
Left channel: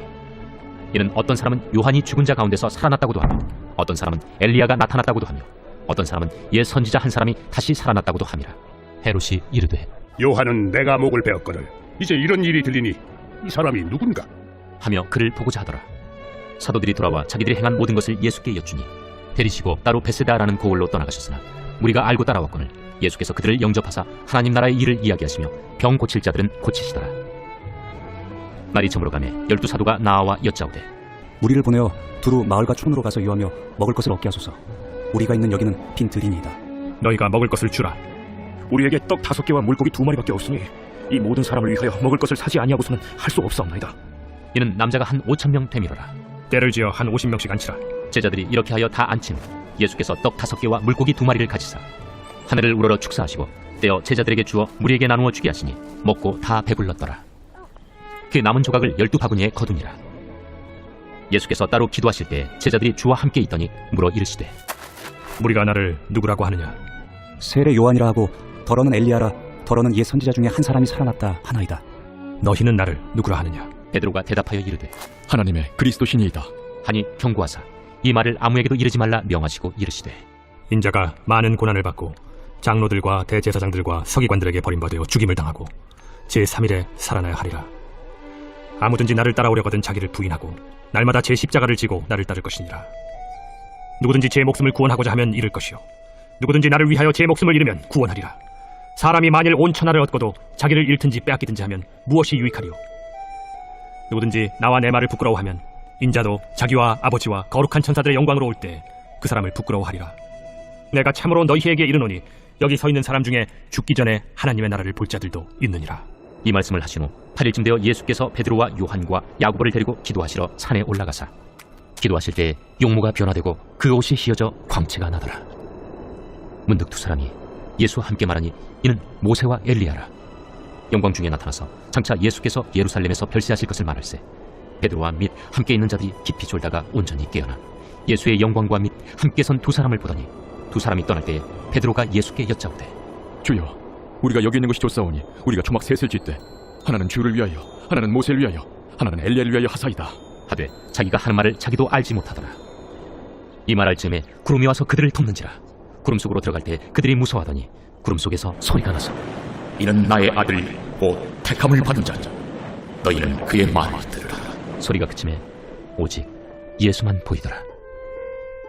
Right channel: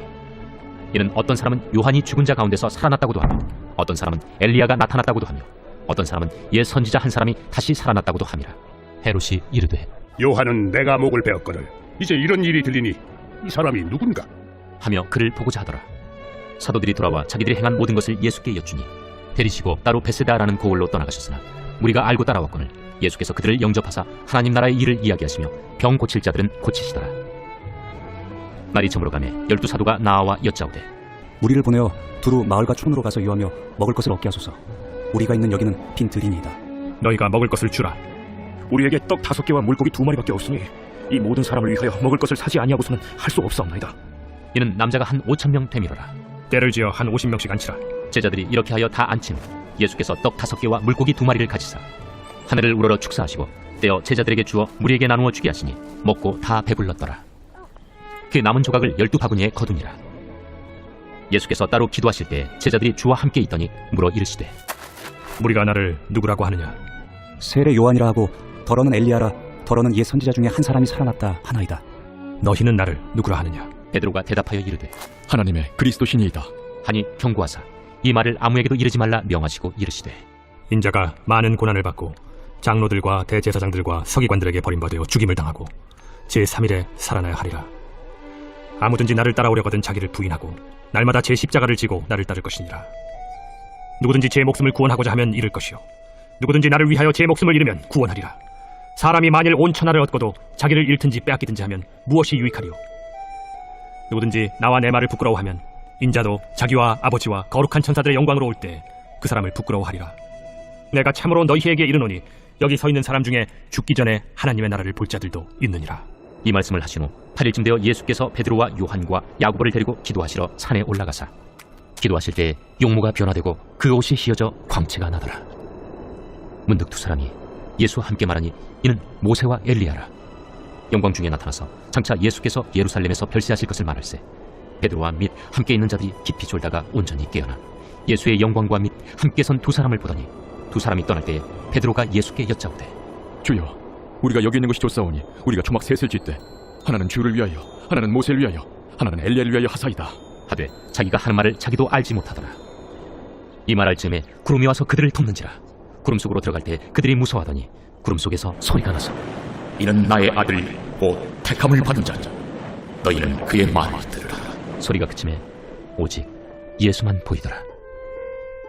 이는 어떤 사람은 요한이 죽은 자 가운데서 살아났다고도 하며 어떤 사람은 엘리야가 나타났다고도 하며 어떤 사람은 옛 선지자 한 사람이 다시 살아났다고도 함이라. 헤롯이 이르되 요한은 내가 목을 베었거늘 이제 이런 일이 들리니 이 사람이 누군가 하며 그를 보고자 하더라. 사도들이 돌아와 자기들이 행한 모든 것을 예수께 여쭈니 데리시고 따로 베세다라는 고을로 떠나가셨으나 우리가 알고 따라왔거늘 예수께서 그들을 영접하사 하나님 나라의 일을 이야기하시며 병 고칠 자들은 고치시더라. 날이 저물어 가매 12사도가 나아와 여짜오되 우리를 보내어 두루 마을과 촌으로 가서 유하며 먹을 것을 얻게 하소서. 우리가 있는 여기는 빈 들이니이다. 너희가 먹을 것을 주라. 우리에게 떡 5개와 물고기 2마리밖에 없으니 이 모든 사람을 위하여 먹을 것을 사지 아니하고서는 할 수 없사옵나이다. 이는 남자가 한 5,000명 되미로라. 때를 지어 한 50명씩 앉히라. 제자들이 이렇게 하여 다 앉힌 후 예수께서 떡 5개와 물고기 2마리를 가지사 하늘을 우러러 축사하시고 떼어 제자들에게 주어 무리에게 나누어 주게 하시니 먹고 다 배불렀더라. 그 남은 조각을 12바구니에 거두니라. 예수께서 따로 기도하실 때 제자들이 주와 함께 있더니 물어 이르시되 우리가 나를 누구라고 하느냐? 세례 요한이라 하고 더러는 엘리야라 더러는 옛 선지자 중에 한 사람이 살아났다 하나이다. 너희는 나를 누구라 하느냐? 베드로가 대답하여 이르되 하나님의 그리스도시니이다 하니 경고하사 이 말을 아무에게도 이르지 말라 명하시고 이르시되 인자가 많은 고난을 받고 장로들과 대제사장들과 서기관들에게 버림받아 죽임을 당하고 제3일에 살아나야 하리라. 아무든지 나를 따라오려거든 자기를 부인하고 날마다 제 십자가를 지고 나를 따를 것이니라. 누구든지 제 목숨을 구원하고자 하면 잃을 것이요 누구든지 나를 위하여 제 목숨을 잃으면 구원하리라. 사람이 만일 온 천하를 얻고도 자기를 잃든지 빼앗기든지 하면 무엇이 유익하리요? 누구든지 나와 내 말을 부끄러워하면 인자도 자기와 아버지와 거룩한 천사들의 영광으로 올 때 그 사람을 부끄러워하리라. 내가 참으로 너희에게 이르노니 여기 서 있는 사람 중에 죽기 전에 하나님의 나라를 볼 자들도 있느니라. 이 말씀을 하신 후 8일쯤 되어 예수께서 베드로와 요한과 야고보를 데리고 기도하시러 산에 올라가사 기도하실 때 용모가 변화되고 그 옷이 휘어져 광채가 나더라. 문득 두 사람이 예수와 함께 말하니 이는 모세와 엘리야라. 영광 중에 나타나서 장차 예수께서 예루살렘에서 별세하실 것을 말할세 베드로와 및 함께 있는 자들이 깊이 졸다가 온전히 깨어나 예수의 영광과 및 함께 선 두 사람을 보더니 두 사람이 떠날 때에 베드로가 예수께 여짜오되 주여, 우리가 여기 있는 것이 좋사오니 우리가 초막 셋을 짓되 하나는 주를 위하여, 하나는 모세를 위하여, 하나는 엘리야를 위하여 하사이다. 하되 자기가 하는 말을 자기도 알지 못하더라. 이 말할 즈음에 구름이 와서 그들을 덮는지라. 구름 속으로 들어갈 때 그들이 무서워하더니 구름 속에서 소리가 나서 이는 나의 아들 곧 택함을 받은 자자. 너희는 그의 말을 들으라. 소리가 그침에 오직 예수만 보이더라.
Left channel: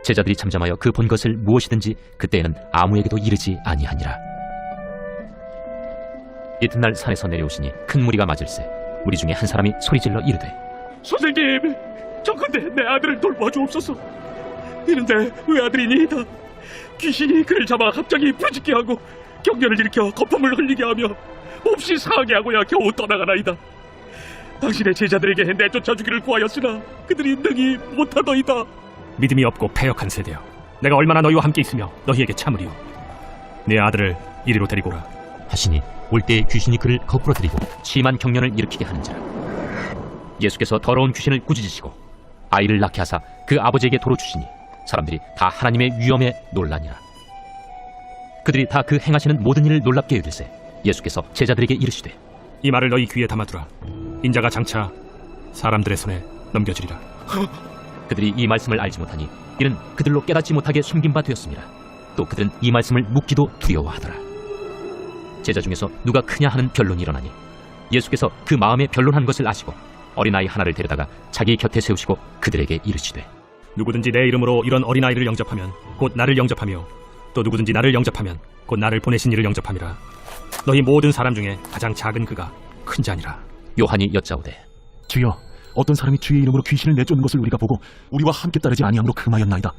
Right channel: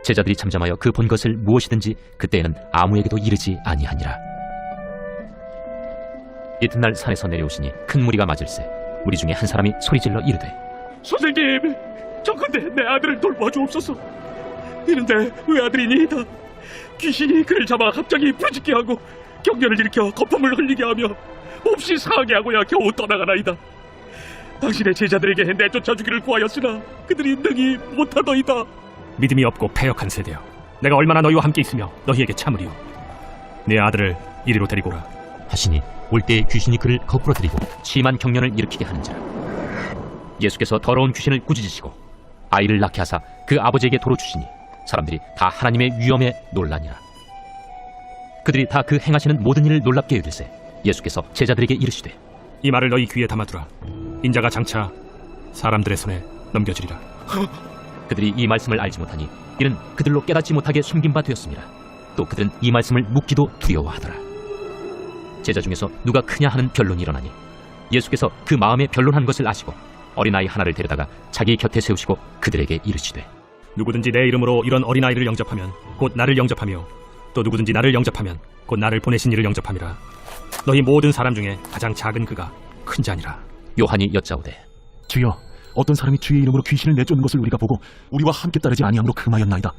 제자들이 잠잠하여 그 본 것을 무엇이든지 그때에는 아무에게도 이르지 아니하니라. 이튿날 산에서 내려오시니 큰 무리가 맞을세 무리 중에 한 사람이 소리질러 이르되 선생님, 정컨대 내 아들을 돌봐주옵소서. 이는데 외아들이니이다. 귀신이 그를 잡아 갑자기 부르짖게 하고 경련을 일으켜 거품을 흘리게 하며 몹시 상하게 하고야 겨우 떠나가나이다. 당신의 제자들에게 내쫓아 주기를 구하였으나 그들이 능히 못하더이다. 믿음이 없고 패역한 세대여, 내가 얼마나 너희와 함께 있으며 너희에게 참으리요. 내 아들을 이리로 데리고 오라 하시니 올 때에 귀신이 그를 거꾸러뜨리고 심한 경련을 일으키게 하는지라. 예수께서 더러운 귀신을 꾸짖으시고 아이를 낳게 하사 그 아버지에게 도로 주시니 사람들이 다 하나님의 위엄에 놀라니라. 그들이 다 그 행하시는 모든 일을 놀랍게 여길세 예수께서 제자들에게 이르시되 이 말을 너희 귀에 담아두라. 인자가 장차 사람들의 손에 넘겨지리라. 그들이 이 말씀을 알지 못하니 이는 그들로 깨닫지 못하게 숨긴 바 되었습니다. 또 그들은 이 말씀을 묻기도 두려워하더라. 제자 중에서 누가 크냐 하는 변론이 일어나니 예수께서 그 마음에 변론한 것을 아시고 어린아이 하나를 데려다가 자기 곁에 세우시고 그들에게 이르시되 누구든지 내 이름으로 이런 어린아이를 영접하면 곧 나를 영접하며 또 누구든지 나를 영접하면 곧 나를 보내신 이를 영접함이라. 너희 모든 사람 중에 가장 작은 그가 큰 자니라. 요한이 여짜오되 주여, 어떤 사람이 주의 이름으로 귀신을 내쫓는 것을 우리가 보고 우리와 함께 따르지 아니함으로 금하였나이다.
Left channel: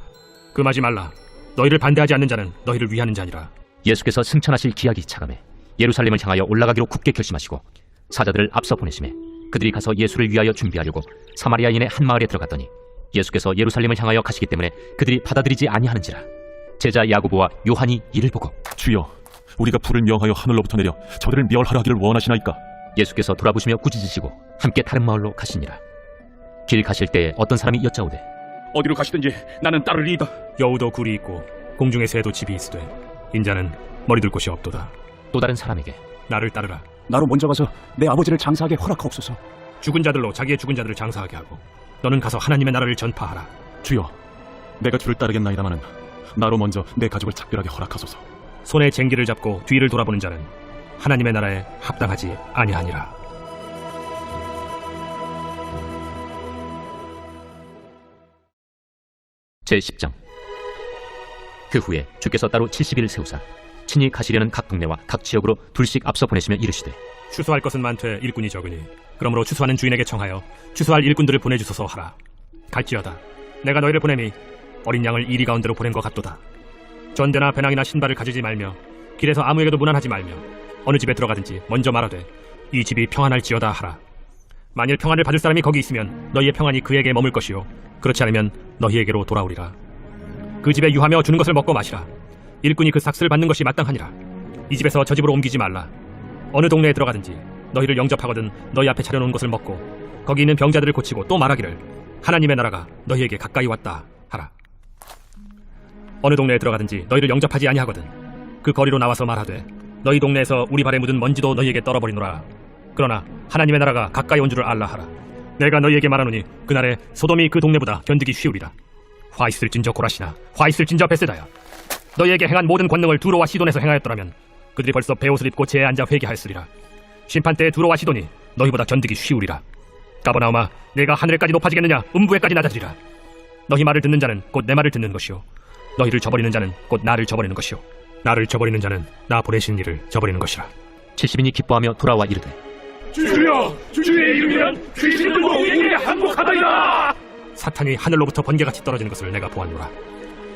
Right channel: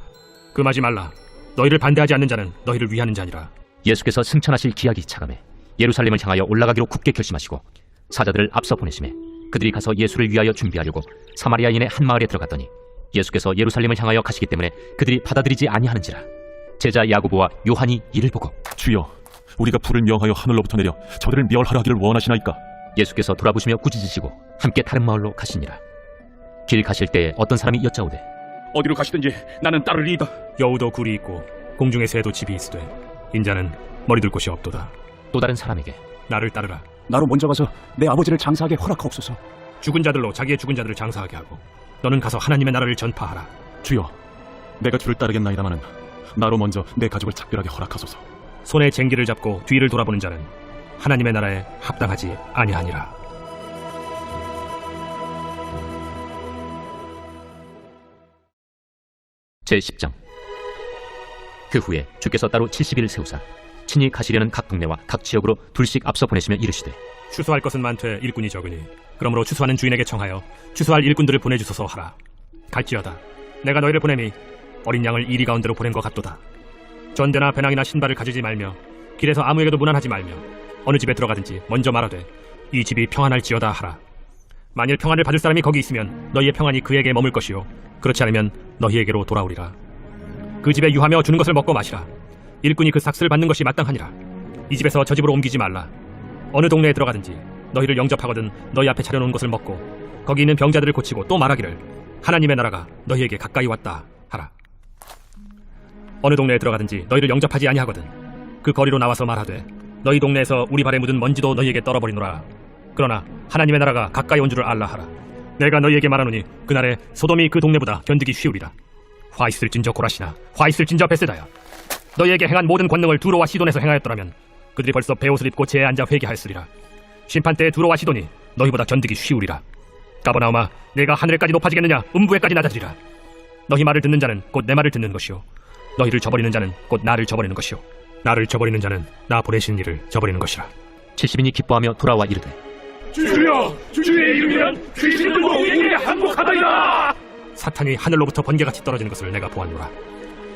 금하지 말라. 너희를 반대하지 않는 자는 너희를 위하는 자니라. 예수께서 승천하실 기약이 차감해 예루살렘을 향하여 올라가기로 굳게 결심하시고 사자들을 앞서 보내시매 그들이 가서 예수를 위하여 준비하려고 사마리아인의 한 마을에 들어갔더니 예수께서 예루살렘을 향하여 가시기 때문에 그들이 받아들이지 아니하는지라. 제자 야고보와 요한이 이를 보고 주여, 우리가 불을 명하여 하늘로부터 내려 저들을 멸하라 하기를 원하시나이까? 예수께서 돌아보시며 꾸짖으시고 함께 다른 마을로 가시니라. 길 가실 때 어떤 사람이 여짜오되 어디로 가시든지 나는 따르리이다. 여우도 굴이 있고 공중의 새도 집이 있으되 인자는 머리둘 곳이 없도다. 또 다른 사람에게 나를 따르라. 나로 먼저 가서 내 아버지를 장사하게 허락하옵소서. 죽은 자들로 자기의 죽은 자들을 장사하게 하고 너는 가서 하나님의 나라를 전파하라. 주여, 내가 주를 따르겠나이다마는 나로 먼저 내 가족을 작별하게 허락하소서. 손에 쟁기를 잡고 뒤를 돌아보는 자는 하나님의 나라에 합당하지 아니하니라. 제10장. 그 후에 주께서 따로 70일을 세우사 친히 가시려는 각 동네와 각 지역으로 둘씩 앞서 보내시며 이르시되 추수할 것은 많되 일꾼이 적으니 그러므로 추수하는 주인에게 청하여 추수할 일꾼들을 보내주소서 하라. 갈지어다 내가 너희를 보내니 어린 양을 이리 가운데로 보낸 것 같도다. 전대나 배낭이나 신발을 가지지 말며 길에서 아무에게도 문안하지 말며 어느 집에 들어가든지 먼저 말하되 이 집이 평안할지어다 하라. 만일 평안을 받을 사람이 거기 있으면 너희의 평안이 그에게 머물 것이요 그렇지 않으면 너희에게로 돌아오리라. 그 집에 유하며 주는 것을 먹고 마시라. 일꾼이 그 삭슬을 받는 것이 마땅하니라. 이 집에서 저 집으로 옮기지 말라. 어느 동네에 들어가든지 너희를 영접하거든 너희 앞에 차려놓은 것을 먹고 거기 있는 병자들을 고치고 또 말하기를 하나님의 나라가 너희에게 가까이 왔다 하라. 어느 동네에 들어가든지 너희를 영접하지 아니하거든 그 거리로 나와서 말하되 너희 동네에서 우리 발에 묻은 먼지도 너희에게 떨어버리노라. 그러나 하나님의 나라가 가까이 온 줄을 알라 하라. 내가 너희에게 말하노니 그날에 소돔이 그 동네보다 견디기 쉬우리라. 화 있을진저 고라시나 화 있을진저 베세다야. 너희에게 행한 모든 권능을 두로와 시돈에서 행하였더라면 그들이 벌써 베옷을 입고 제에 앉아 회개하였으리라. 심판 때에 두로와 시돈이 너희보다 견디기 쉬우리라. 가버나움아, 내가 하늘에까지 높아지겠느냐? 음부에까지 낮아지리라. 너희 말을 듣는 자는 곧 내 말을 듣는 것이요, 너희를 저버리는 자는 곧 나를 저버리는 것이요, 나를 저버리는 자는 나 보내신 이를 저버리는 것이라. 70인이 기뻐하며 돌아와 이르되 주여, 주의 이름이란 귀신들도 우리에게 항복하다이다. 사탄이 하늘로부터 번개같이 떨어지는 것을 내가 보았노라.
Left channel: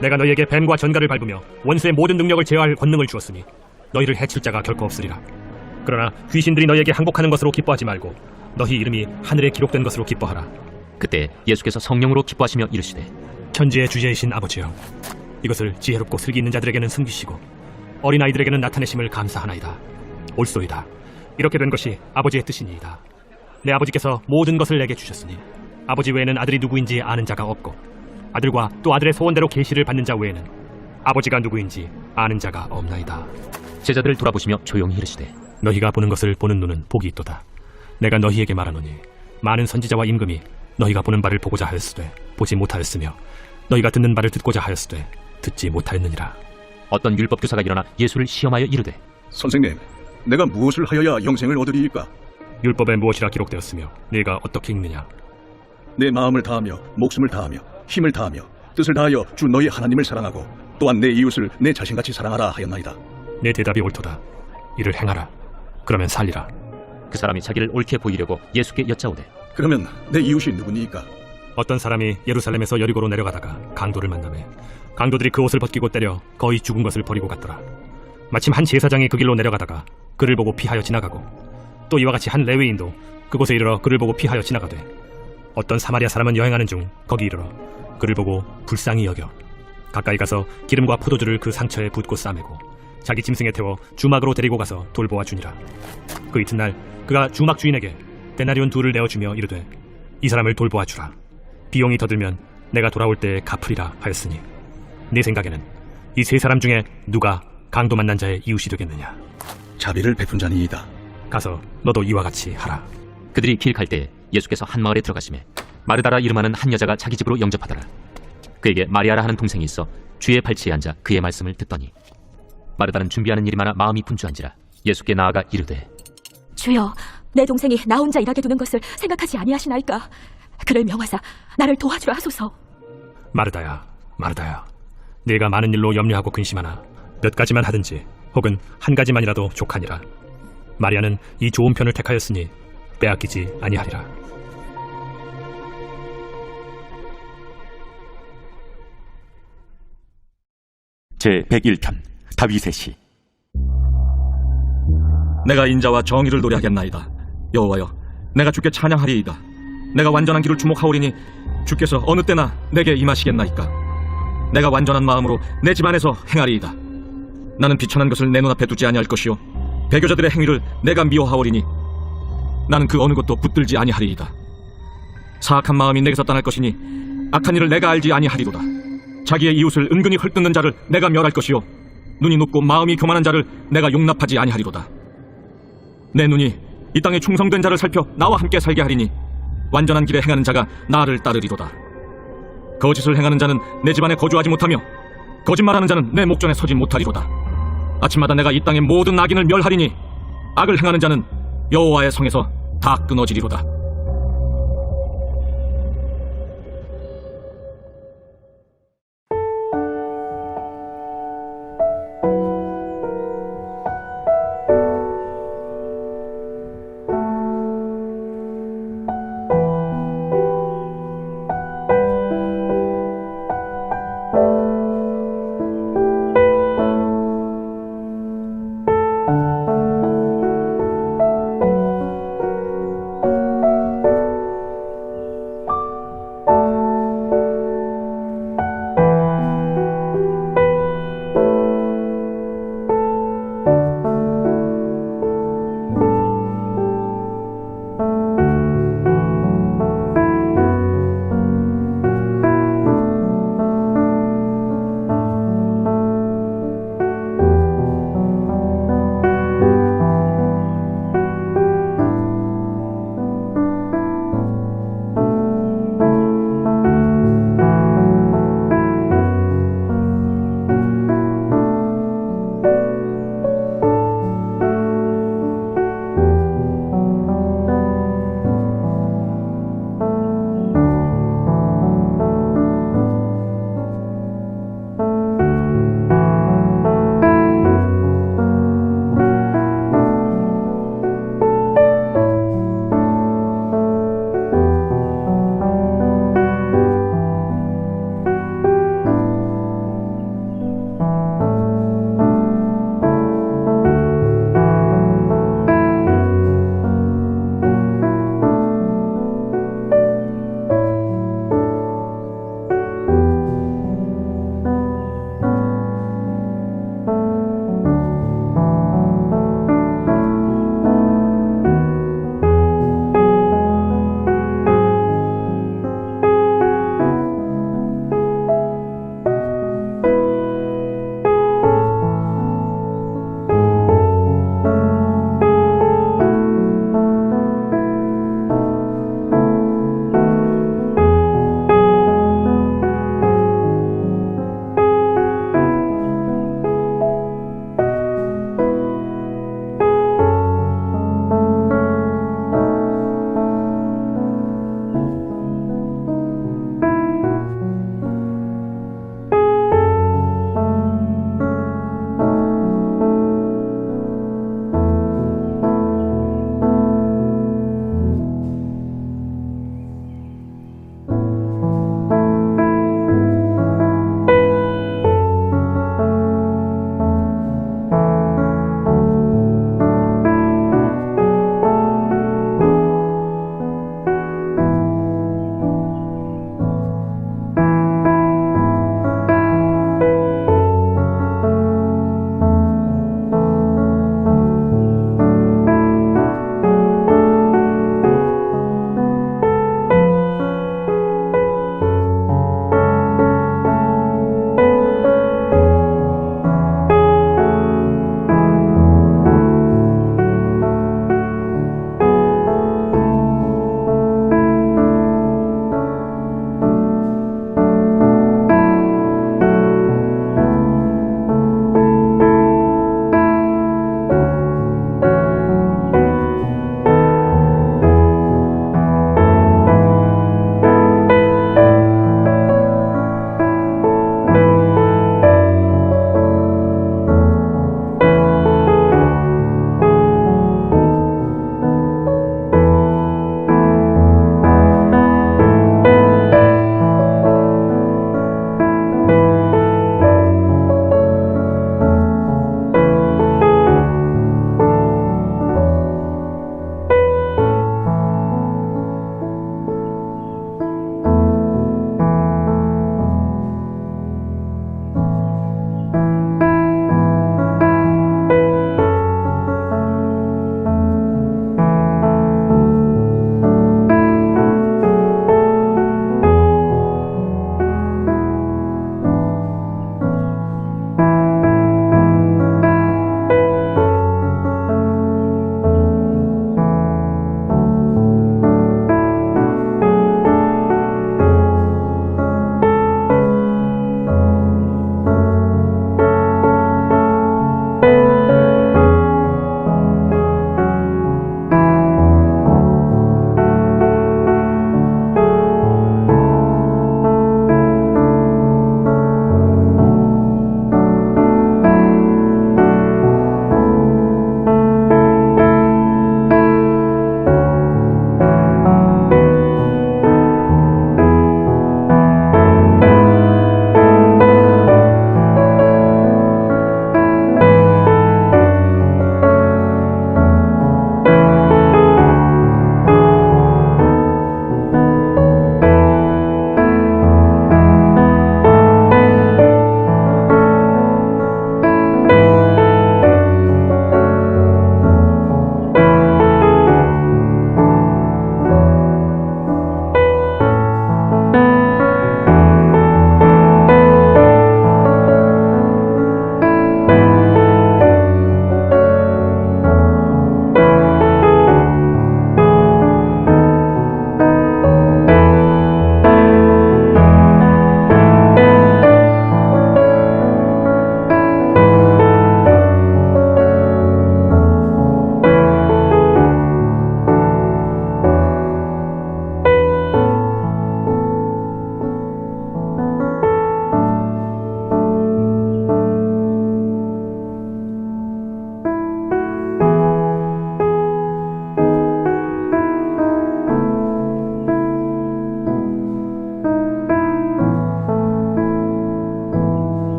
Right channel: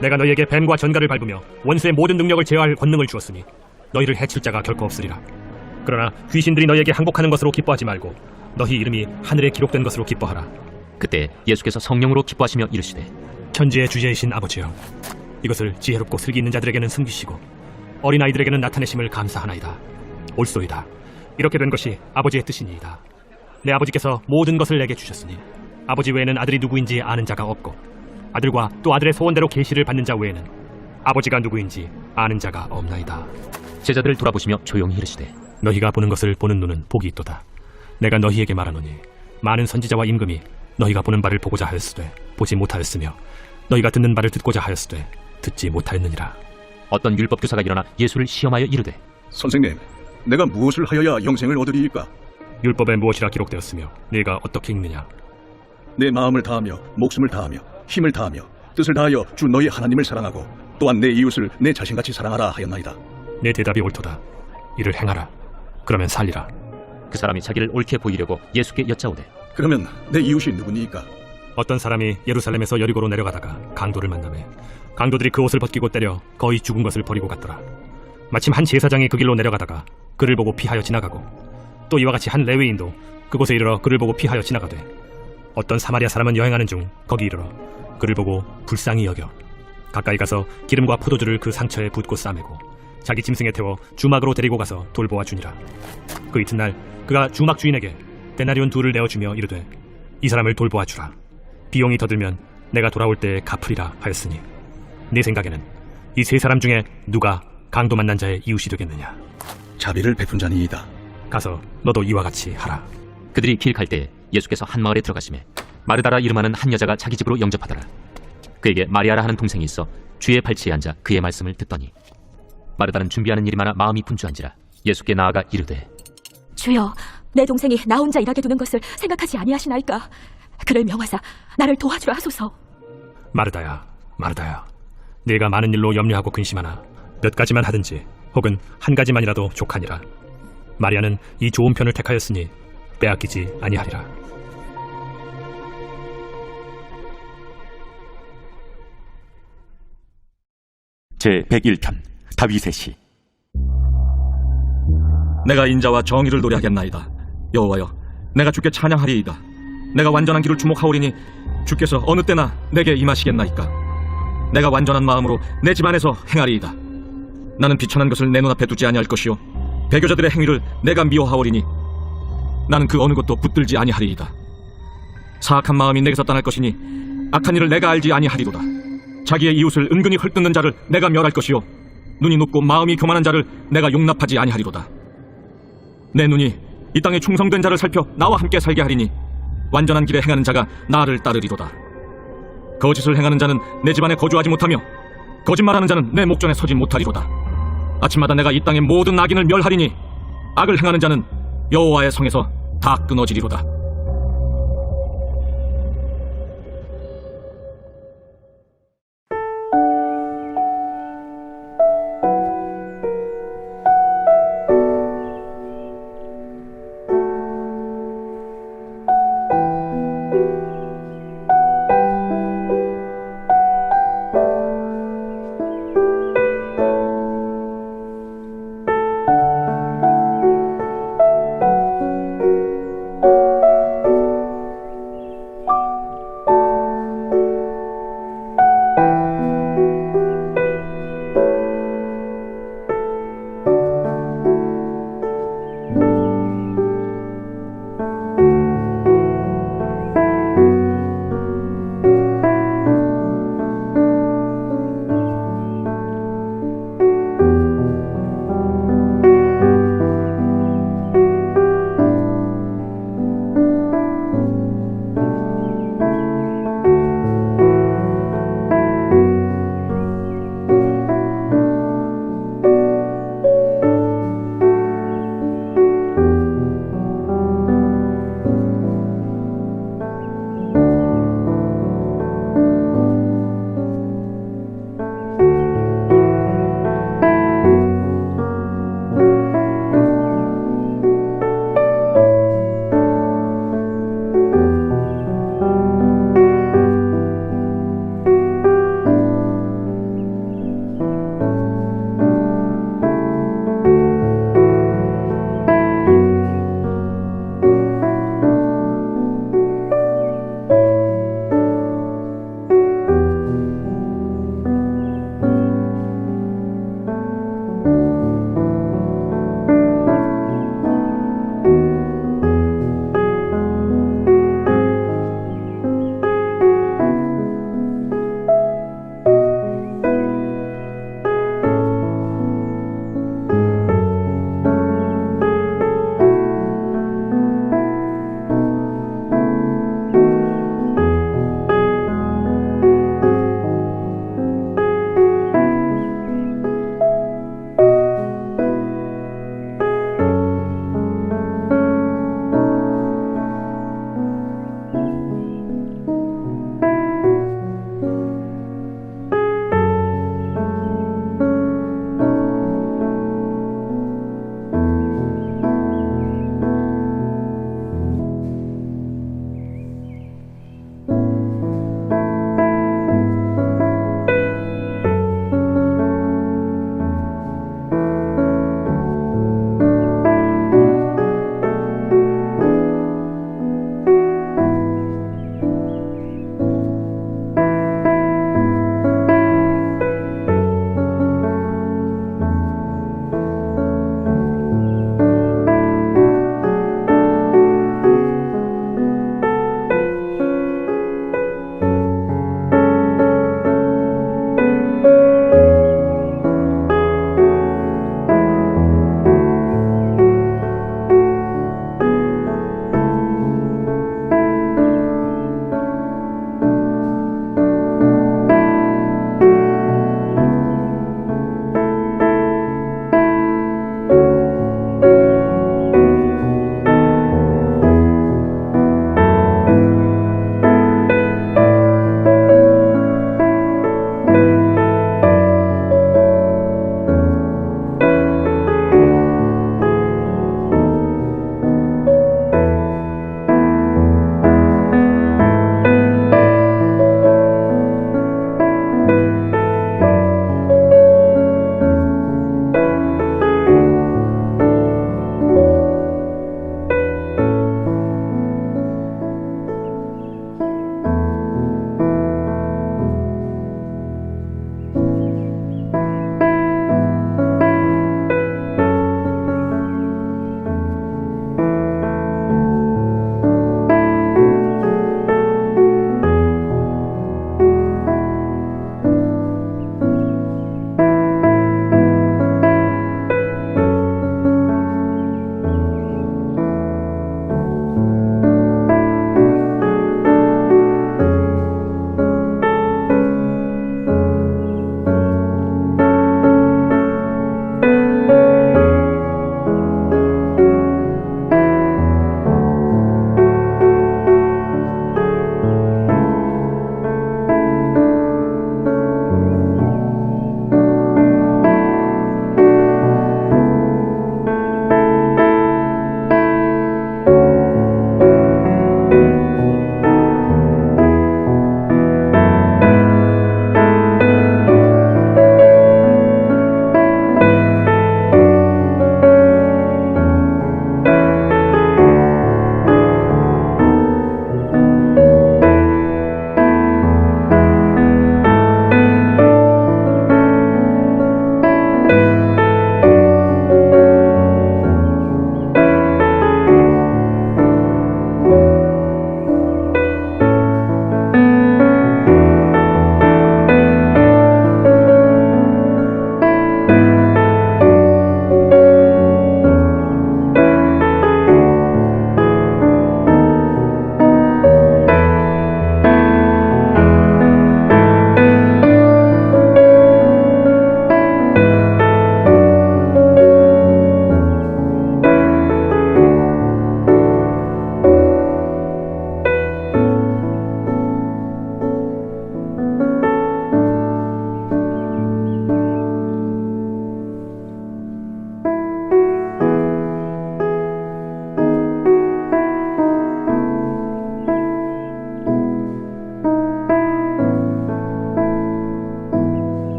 내가 너희에게 뱀과 전갈을 밟으며 원수의 모든 능력을 제어할 권능을 주었으니 너희를 해칠 자가 결코 없으리라. 그러나 귀신들이 너희에게 항복하는 것으로 기뻐하지 말고 너희 이름이 하늘에 기록된 것으로 기뻐하라. 그때 예수께서 성령으로 기뻐하시며 이르시되 천지의 주제이신 아버지여, 이것을 지혜롭고 슬기 있는 자들에게는 숨기시고 어린아이들에게는 나타내심을 감사하나이다. 옳소이다. 이렇게 된 것이 아버지의 뜻이니이다. 내 아버지께서 모든 것을 내게 주셨으니 아버지 외에는 아들이 누구인지 아는 자가 없고 아들과 또 아들의 소원대로 계시를 받는 자 외에는 아버지가 누구인지 아는 자가 없나이다. 제자들을 돌아보시며 조용히 이르시되 너희가 보는 것을 보는 눈은 복이 있도다. 내가 너희에게 말하노니 많은 선지자와 임금이 너희가 보는 바를 보고자 하였으되 보지 못하였으며 너희가 듣는 바를 듣고자 하였으되 듣지 못하였느니라. 어떤 율법 교사가 일어나 예수를 시험하여 이르되 선생님, 내가 무엇을 하여야 영생을 얻으리이까? 율법에 무엇이라 기록되었으며 네가 어떻게 읽느냐? 내 마음을 다하며 목숨을 다하며 힘을 다하며 뜻을 다하여 주 너희 하나님을 사랑하고 또한 내 이웃을 내 자신같이 사랑하라 하였나이다. 내 대답이 옳도다. 이를 행하라. 그러면 살리라. 그 사람이 자기를 옳게 보이려고 예수께 여짜오되 그러면 내 이웃이 누구니이까? 어떤 사람이 예루살렘에서 여리고로 내려가다가 강도를 만나매 강도들이 그 옷을 벗기고 때려 거의 죽은 것을 버리고 갔더라. 마침 한 제사장이 그 길로 내려가다가 그를 보고 피하여 지나가고 또 이와 같이 한 레위인도 그곳에 이르러 그를 보고 피하여 지나가되 어떤 사마리아 사람은 여행하는 중 거기 이르러 그를 보고 불쌍히 여겨 가까이 가서 기름과 포도주를 그 상처에 붓고 싸매고 자기 짐승에 태워 주막으로 데리고 가서 돌보아 주니라. 그 이튿날 그가 주막 주인에게 데나리온 2를 내어주며 이르되 이 사람을 돌보아 주라. 비용이 더 들면 내가 돌아올 때에 갚으리라 하였으니 네 생각에는 이 세 사람 중에 누가 강도 만난 자의 이웃이 되겠느냐? 자비를 베푼 자니이다. 가서 너도 이와 같이 하라. 그들이 길 갈 때 예수께서 한 마을에 들어가시매 마르다라 이름하는 한 여자가 자기 집으로 영접하더라. 그에게 마리아라 하는 동생이 있어 주의 발치에 앉아 그의 말씀을 듣더니 마르다는 준비하는 일이 많아 마음이 분주한지라 예수께 나아가 이르되 주여, 내 동생이 나 혼자 일하게 두는 것을 생각하지 아니하시나이까? 그를 명하사 나를 도와주라 하소서. 마르다야, 마르다야, 네가 많은 일로 염려하고 근심하나 몇 가지만 하든지 혹은 한 가지만이라도 족하니라. 마리아는 이 좋은 편을 택하였으니 빼앗기지 아니하리라. 제 101편 다윗의 시. 내가 인자와 정의를 노래하겠나이다. 여호와여, 내가 주께 찬양하리이다. 내가 완전한 길을 주목하오리니 주께서 어느 때나 내게 임하시겠나이까. 내가 완전한 마음으로 내 집안에서 행하리이다. 나는 비천한 것을 내 눈앞에 두지 아니할 것이요 배교자들의 행위를 내가 미워하오리니 나는 그 어느 것도 붙들지 아니하리이다. 사악한 마음이 내게서 떠날 것이니 악한 일을 내가 알지 아니하리로다. 자기의 이웃을 은근히 헐뜯는 자를 내가 멸할 것이요 눈이 높고 마음이 교만한 자를 내가 용납하지 아니하리로다. 내 눈이 이 땅에 충성된 자를 살펴 나와 함께 살게 하리니 완전한 길에 행하는 자가 나를 따르리로다. 거짓을 행하는 자는 내 집안에 거주하지 못하며 거짓말하는 자는 내 목전에 서지 못하리로다. 아침마다 내가 이 땅의 모든 악인을 멸하리니 악을 행하는 자는 여호와의 성에서 다 끊어지리로다.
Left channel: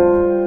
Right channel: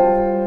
하소서.